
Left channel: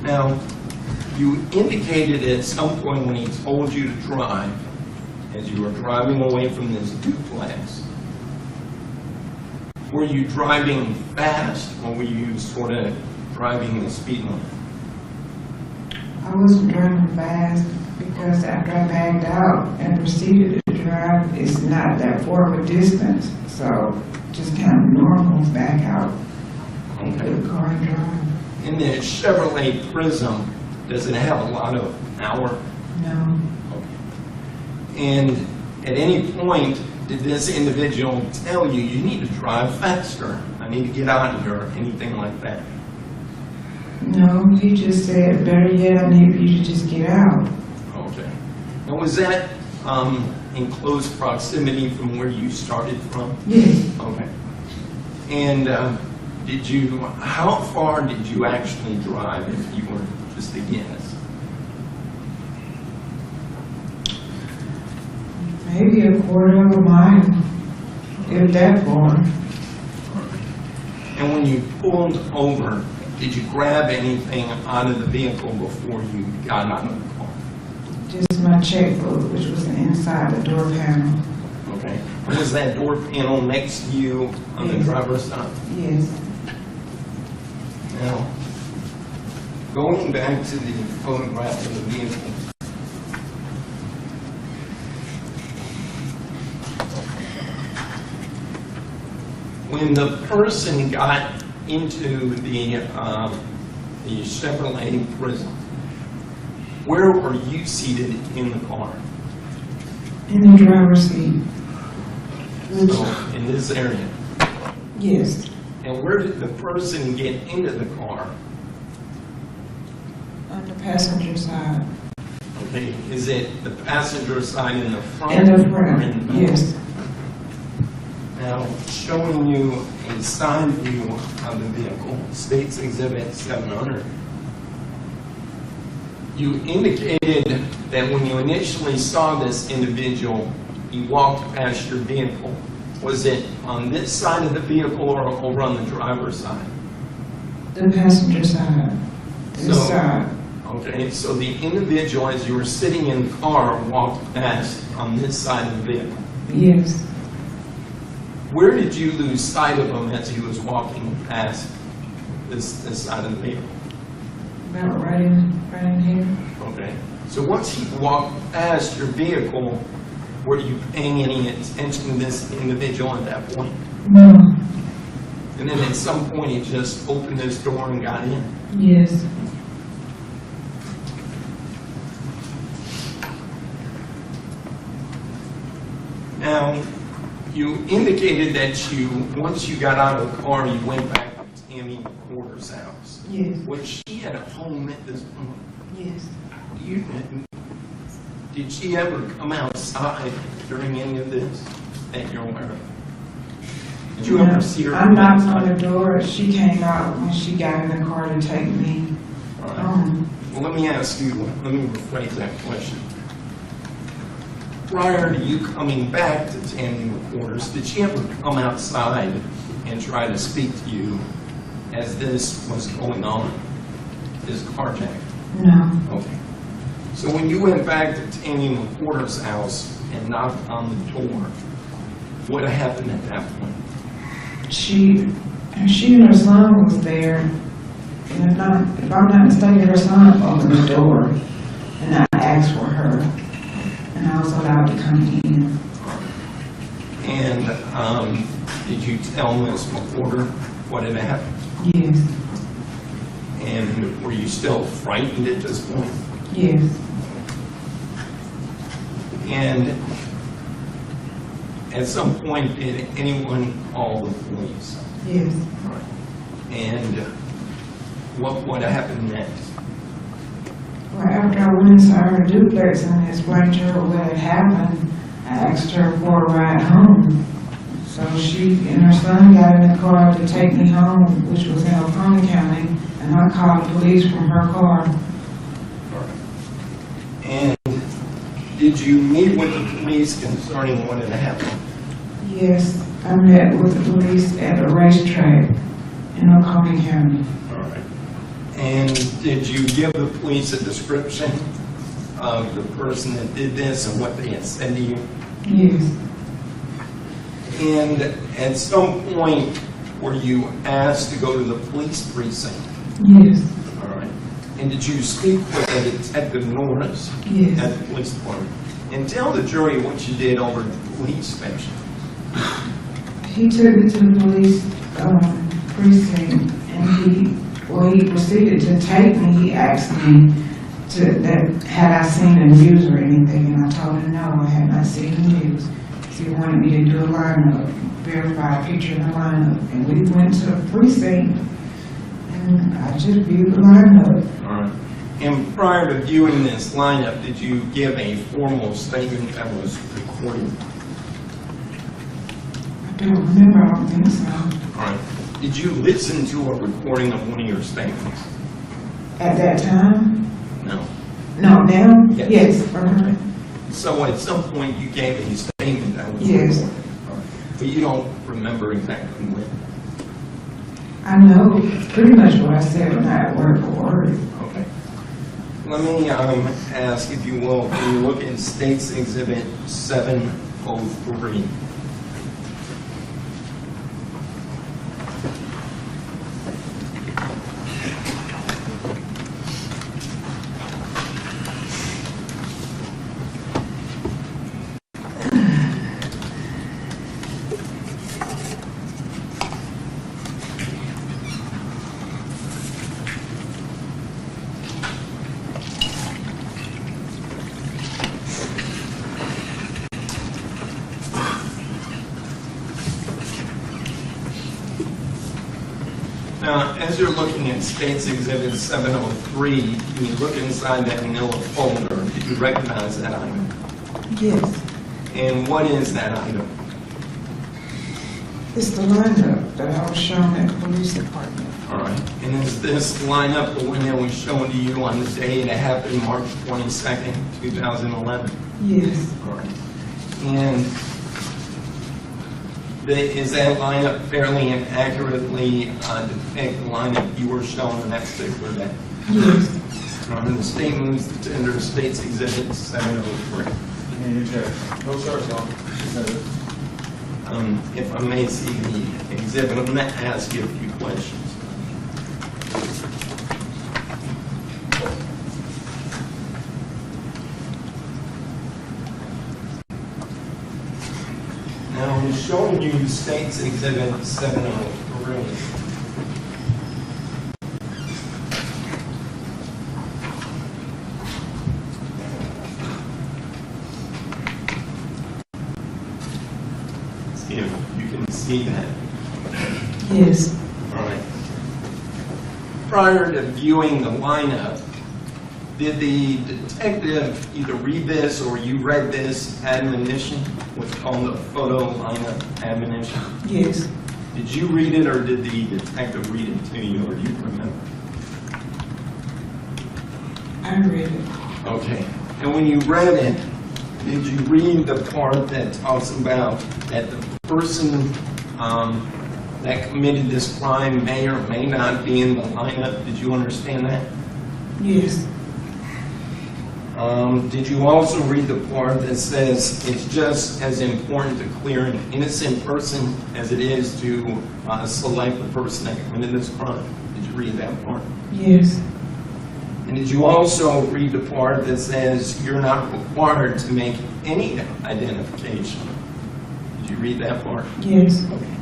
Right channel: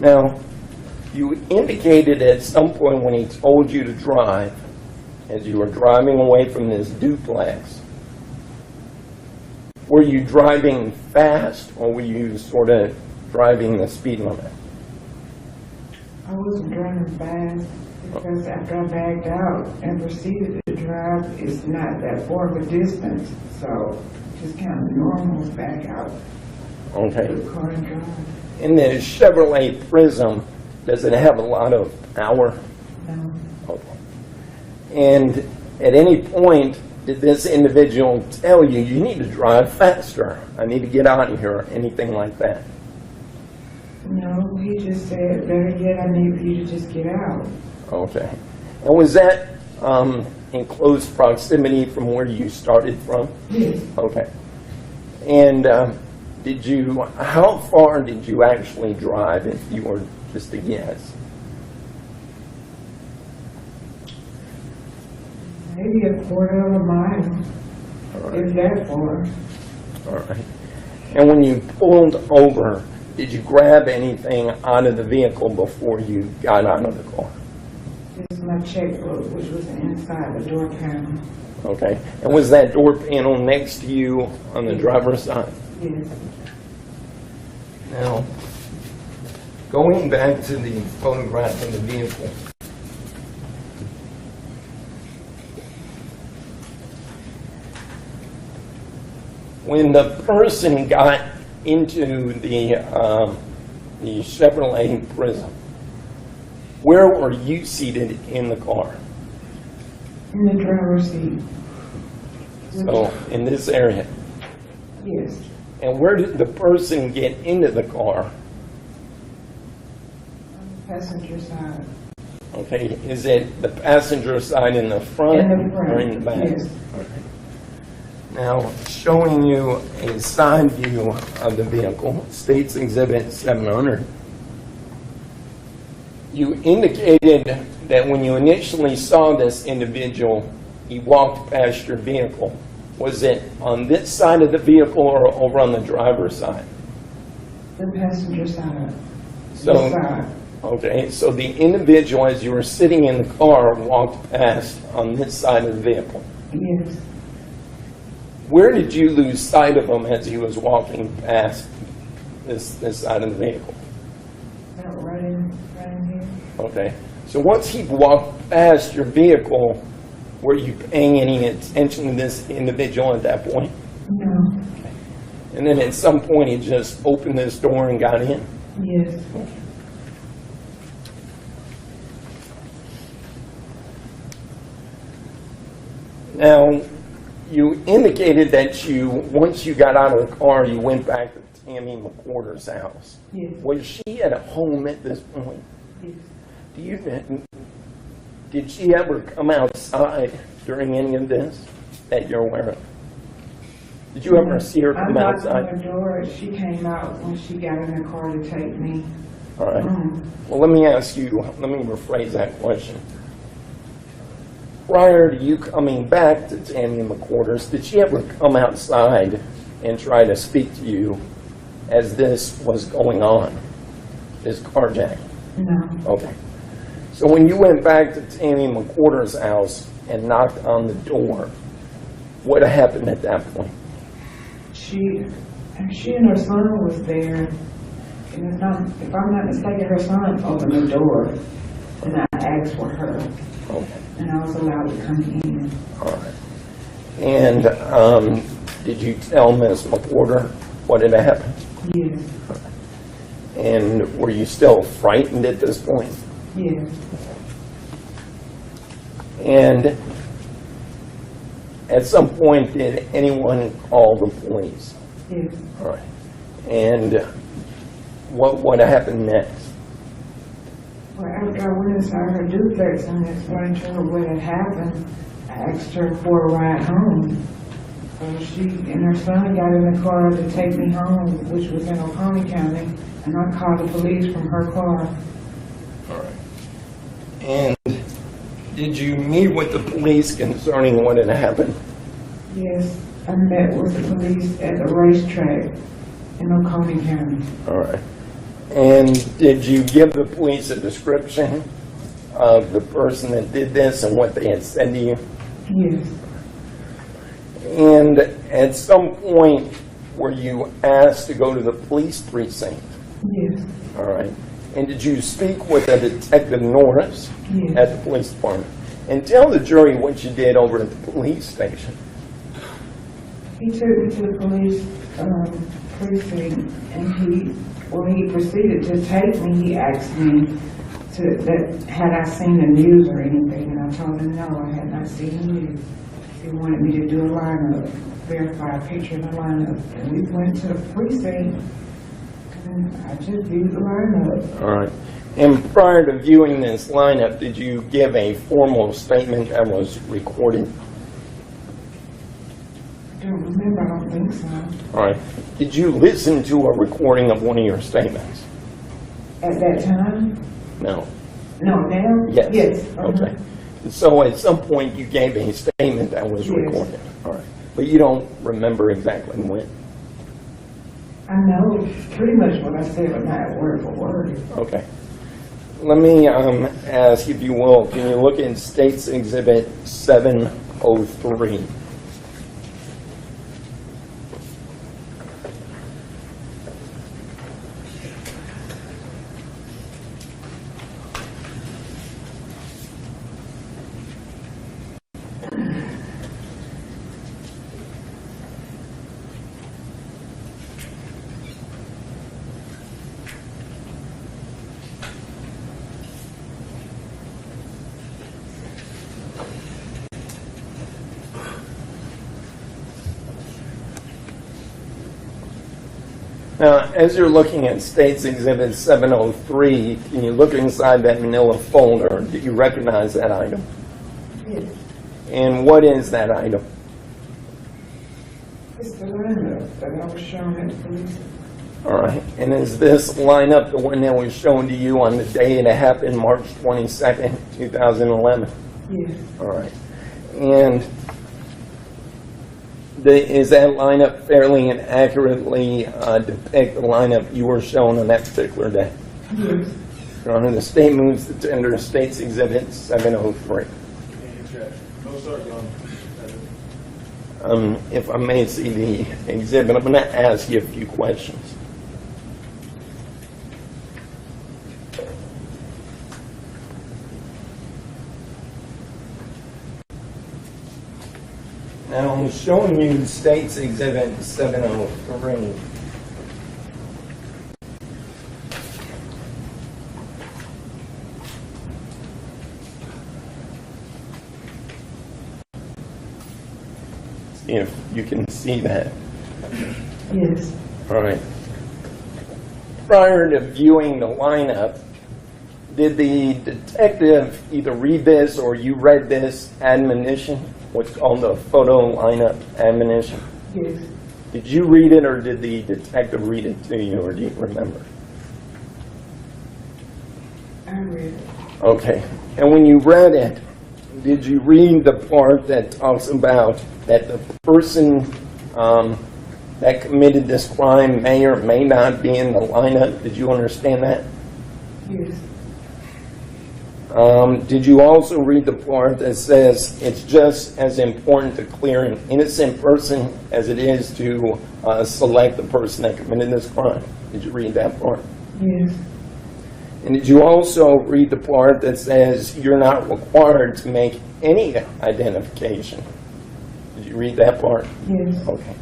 Now, you indicated at some point when he told you to drive, as you were driving away from this duplex, were you driving fast or were you sort of driving the speed limit? I wasn't driving fast because after I backed out and proceeded to drive, it's not that far of a distance. So just kind of normal back out Okay. the car and drive. In the Chevrolet Prism, does it have a lot of power? No. Okay. And at any point, did this individual tell you, you need to drive faster, I need to get out of here, or anything like that? No, he just said, better yet, I need you to just get out. Okay. And was that in close proximity from where you started from? Yes. Okay. And how far did you actually drive, if you were just to guess? Maybe a quarter of a mile, if that far. All right. And when you pulled over, did you grab anything out of the vehicle before you got out of the car? Just my checkbook, which was inside the door panel. Okay. And was that door panel next to you on the driver's side? Yes. Now, going back to the photograph of the vehicle, when the person got into the Chevrolet Prism, where were you seated in the car? In the driver's seat. So, in this area. Yes. And where did the person get into the car? On the passenger side. Okay, is it the passenger side in the front In the front, or in the back? yes. Now, showing you a side view of the vehicle, State's Exhibit 700. You indicated that when you initially saw this individual, he walked past your vehicle. Was it on this side of the vehicle or over on the driver's side? The passenger side. This So- side. Okay, so the individual, as you were sitting in the car, walked past on this side of the vehicle. Yes. Where did you lose sight of him as he was walking past this side of the vehicle? About right in here. Okay, so once he walked past your vehicle, were you paying any attention to this individual at that point? No. And then at some point, he just opened this door and got in? Yes. Now, you indicated that once you got out of the car, you went back to Tammy McWhorter's house. Yes. Was she at home at this point? Yes. Did she ever come outside during any of this that you're aware of? Did you ever see her I come knocked on outside? the door. She came out when she got in the car to take me. All right. Well, let me rephrase that question. Prior to you coming back to Tammy McWhorter's, did she ever come outside and try to speak to you as this was going on, this carjacking? No. Okay. So when you went back to Tammy McWhorter's house and knocked on the door, what happened at that point? She and her son was there, and if I'm not mistaken, her son opened the door, and I asked for her, and I was allowed to come in. All right. And did you tell Ms. McWhorter what had happened? Yes, And were you still frightened at this point? yes, And at some point, did anyone call the police? yes. All right. And what happened next? Well, after I went inside her duplex and explained to her what had happened, I asked her for a ride home. So she and her son got in the car to take me home, which was in Oconee County, and I called the police from her car. And did you meet with the police concerning what had happened? Yes, I met with the police at the racetrack in Oconee County. All right. And did you give the police a description of the person that did this and what they had said to you? Yes, And at some point, were you asked to go to the police precinct? yes, All right. And did you speak with a Detective Norris yes. at the police department? And tell the jury what you did over at the police station. He took me to the police precinct, and he proceeded to take me. He asked me had I seen the news or anything, and I told him no, I had not seen the news. So he wanted me to do a lineup, verify a picture in the lineup, and we went to the precinct, and I just viewed the lineup. All right. And prior to viewing this lineup, did you give a formal statement that was recorded? I don't remember, I don't think so. All right. Did you listen to a recording of one of your statements? At that time? No. No, now? Yes. Yes. Okay. So at some point you gave a statement that was Yes. recorded. All right. But you don't remember exactly when? I know pretty much what I said, but not word for word. Okay. Let me ask, if you will, can you look in State's Exhibit 703? Now, as you're looking at State's Exhibit 703, can you look inside that manila folder? Did you recognize that item? Yes. And what is that item? It's the lineup that I was shown at the police department. All right. And is this lineup the one that was shown to you on the day it happened, March 22nd, 2011? Yes. All right. And is that lineup fairly and accurately depict the lineup you were shown on that particular day? Yes. And the state moves to tender State's Exhibit 703. No, sir, If I may see the exhibit, I'm going to ask you a few questions. Now, I'm showing you State's Exhibit 703. See if you can see that. Yes. All right. Prior to viewing the lineup, did the detective either read this or you read this admonition, what's called the photo lineup admonition? Yes. Did you read it or did the detective read it to you, or do you remember? I read it. Okay. And when you read it, did you read the part that talks about that the person that committed this crime may or may not be in the lineup. Did you understand that? Yes. Did you also read the part that says it's just as important to clear an innocent person as it is to select the person that committed this crime? Did you read that part? Yes. And did you also read the part that says you're not required to make any identification? Did you read that part? Yes. Okay.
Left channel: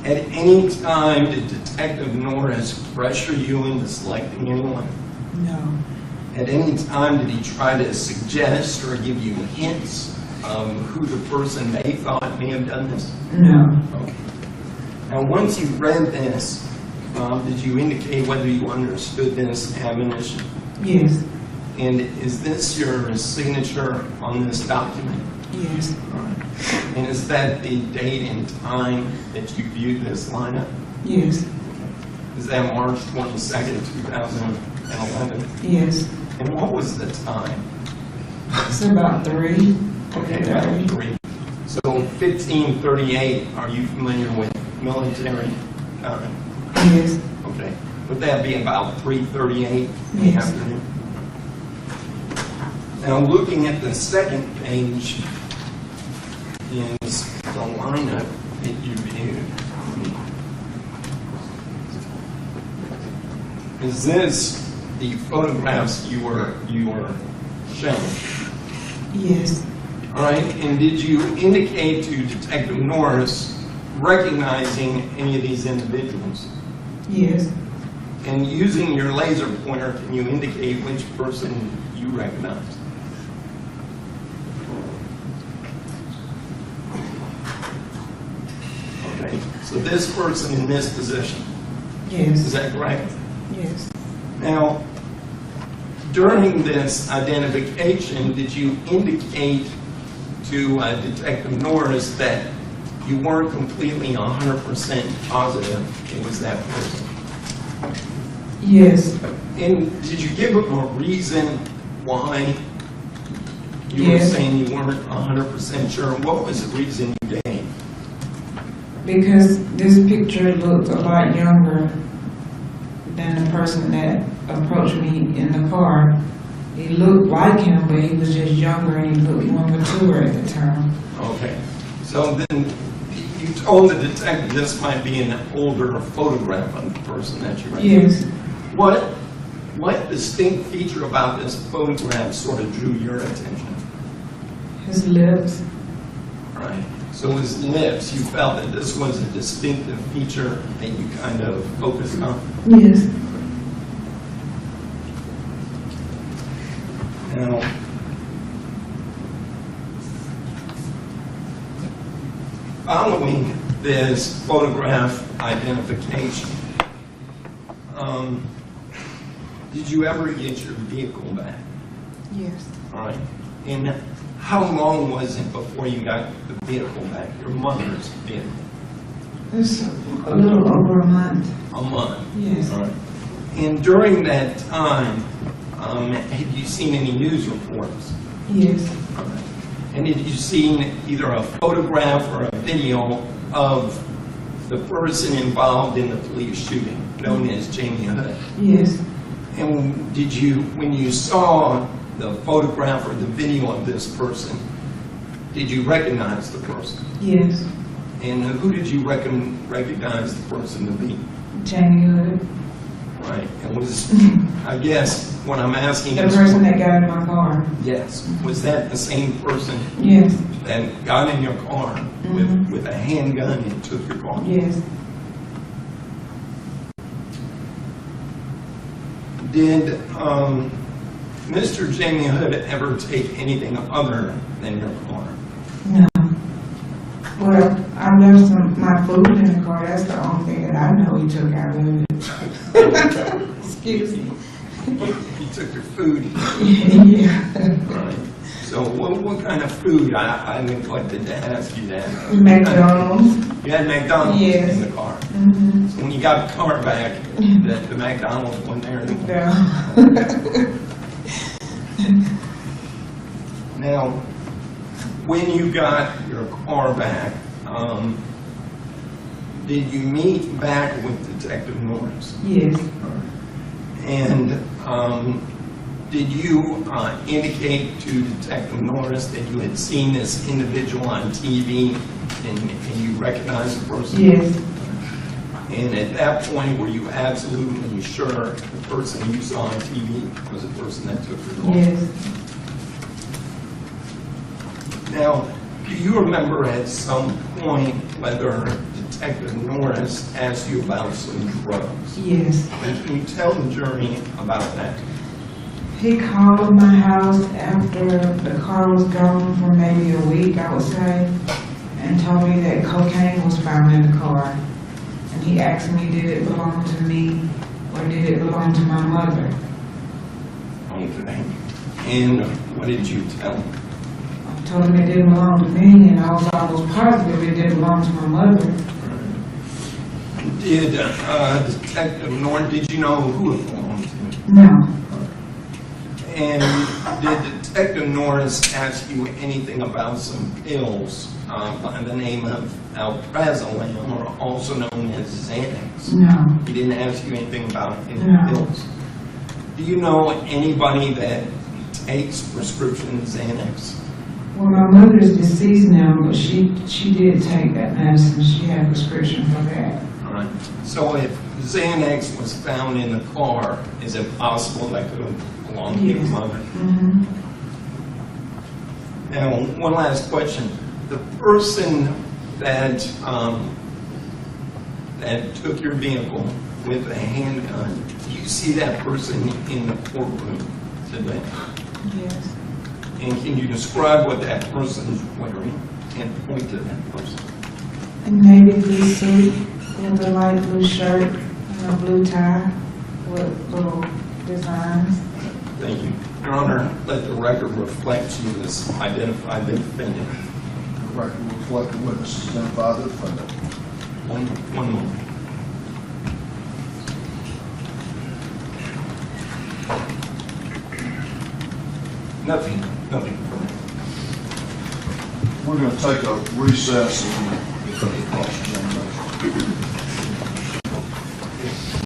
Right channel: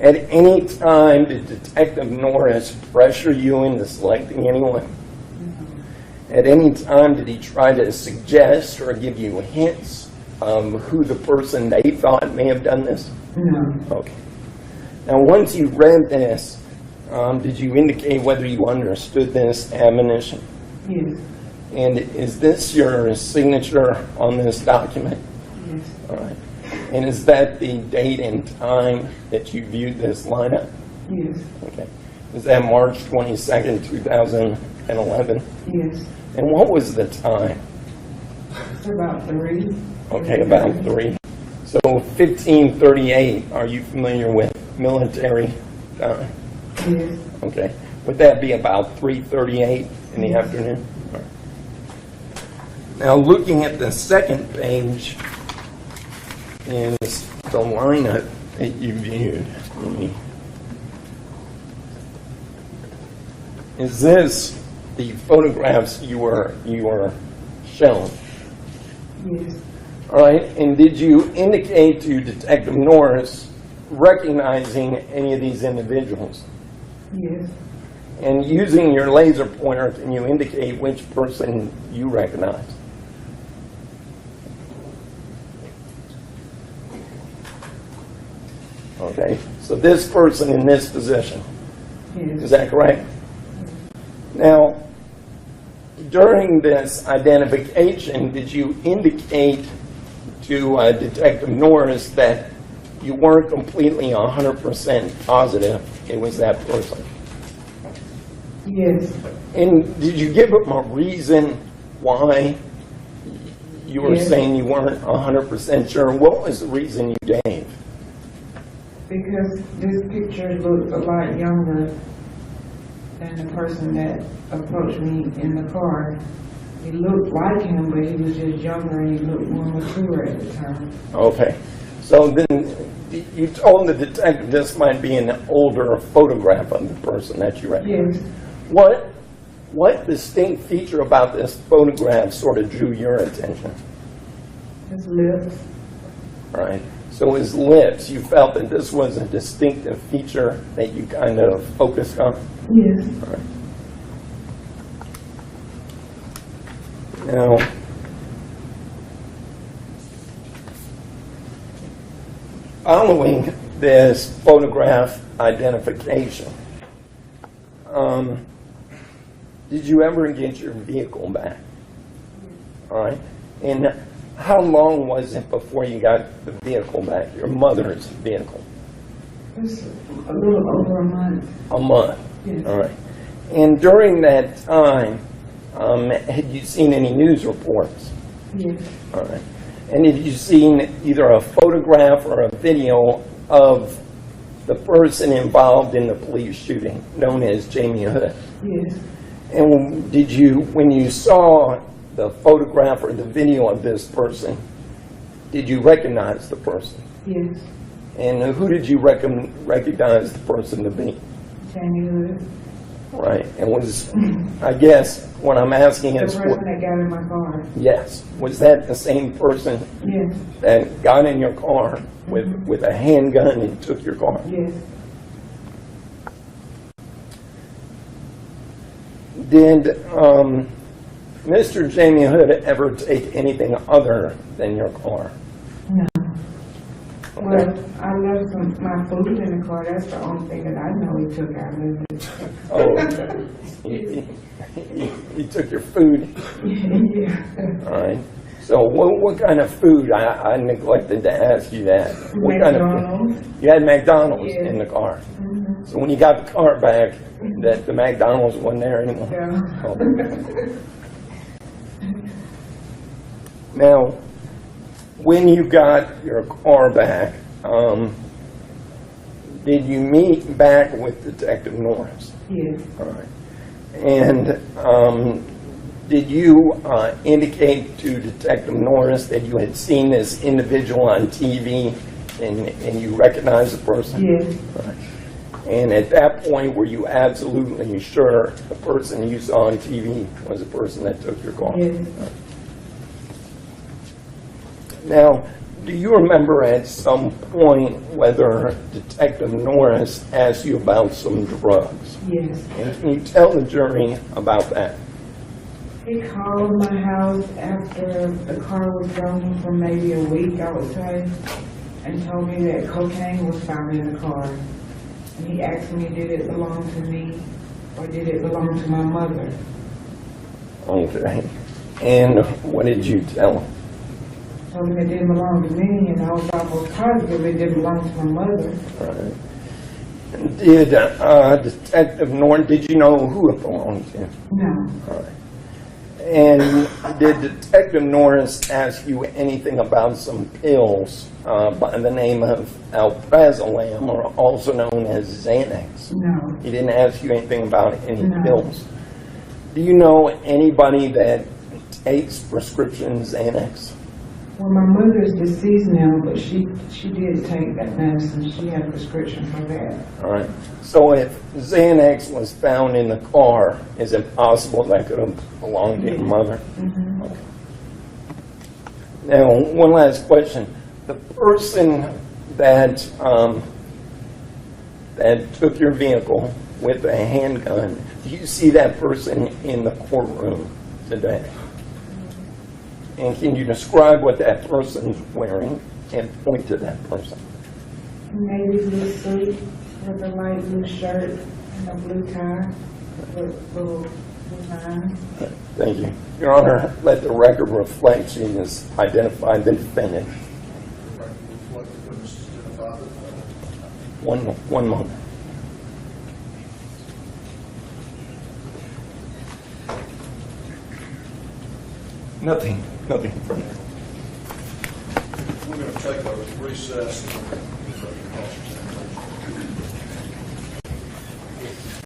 At any time, did Detective Norris pressure you into selecting anyone? No. At any time, did he try to suggest or give you hints of who the person they thought may have done this? No. Okay. Now, once you read this, did you indicate whether you understood this admonition? Yes. And is this your signature on this document? Yes. All right. And is that the date and time that you viewed this lineup? Yes. Okay. Is that March 22nd, 2011? Yes. And what was the time? It's about 3. Okay, about 3. So 1538, are you familiar with military time? Yes. Okay. Would that be about 3:38 in the Yes. afternoon? Now, looking at the second page is the lineup that you viewed. Is this the photographs you were shown? Yes. All right. And did you indicate to Detective Norris recognizing any of these individuals? Yes. And using your laser pointer, can you indicate which person you recognize? Okay, so this person in this position, Yes. is that correct? Yes. Now, during this identification, did you indicate to Detective Norris that you weren't completely 100% positive it was that person? Yes. And did you give him a reason why you were Yes. saying you weren't 100% sure? What was the reason you gave? Because this picture looked a lot younger than the person that approached me in the car. He looked like him, but he was just younger and he looked more mature at the time. Okay. So then you told the detective this might be an older photograph of the person that you recognized. Yes. What distinct feature about this photograph sort of drew your attention? His lips. All right. So his lips, you felt that this was a distinctive feature that you kind of focused on? Yes. Now, following this photograph identification, did you ever get your vehicle back? Yes. All right. And how long was it before you got the vehicle back, your mother's vehicle? It's a little over a month. A month. Yes. All right. And during that time, had you seen any news reports? Yes. All right. And had you seen either a photograph or a video of the person involved in the police shooting, known as Jamie Hood? Yes. And did you, when you saw the photograph or the video of this person, did you recognize the person? Yes. And who did you recognize the person to be? Jamie Hood. Right. And was, I guess, what I'm asking The is, person that got in my car. yes, was that the same person Yes. that got in your car with a handgun and took your car? Yes. Did Mr. Jamie Hood ever take anything other than your car? No. Well, I left my food in the car. That's the only thing that I know he took out of it. Oh, okay. Excuse me. You took your food. Yeah. All right. So what kind of food? I neglected to ask you that. What kind of food? McDonald's. You had McDonald's Yes. in the car. Mm-hmm. So when you got the car back, the McDonald's wasn't there anymore. Yeah. Now, when you got your car back, did you meet back with Detective Norris? Yes, And did you indicate to Detective Norris that you had seen this individual on TV and you recognized the person? yes, And at that point, were you absolutely sure the person you saw on TV was the person that took your call? yes. Now, do you remember at some point whether Detective Norris asked you about some drugs? Yes. Can you tell the jury about that? He called my house after the car was gone for maybe a week, I would say, and told me that cocaine was found in the car. And he asked me, did it belong to me or did it belong to my mother? Okay. And what did you tell him? I told him it didn't belong to me, and I was almost positive it did belong to my mother. Did Detective Norris, did you know who it belonged to? No, And did Detective Norris ask you anything about some pills by the name of alprazolam, or also known as Xanax? no, He didn't ask you anything about any No. pills? Do you know anybody that takes prescription Xanax? well, my mother is deceased now, but she did take that medicine. She had a prescription for that. All right. So if Xanax was found in the car, is it possible that could have belonged to your Yes. mother? Mhm. Now, one last question. The person that that took your vehicle with a handgun, do you see that person in the courtroom today? Yes. And can you describe what that person's wearing and point to that person? And maybe blue suit with a light blue shirt and a blue tie with little designs. Thank you. Your Honor, let the record reflect she was identified the defendant. The record will reflect the witnesses identify the defendant. One moment. Nothing from me. We're going to take a recess and cross-examination.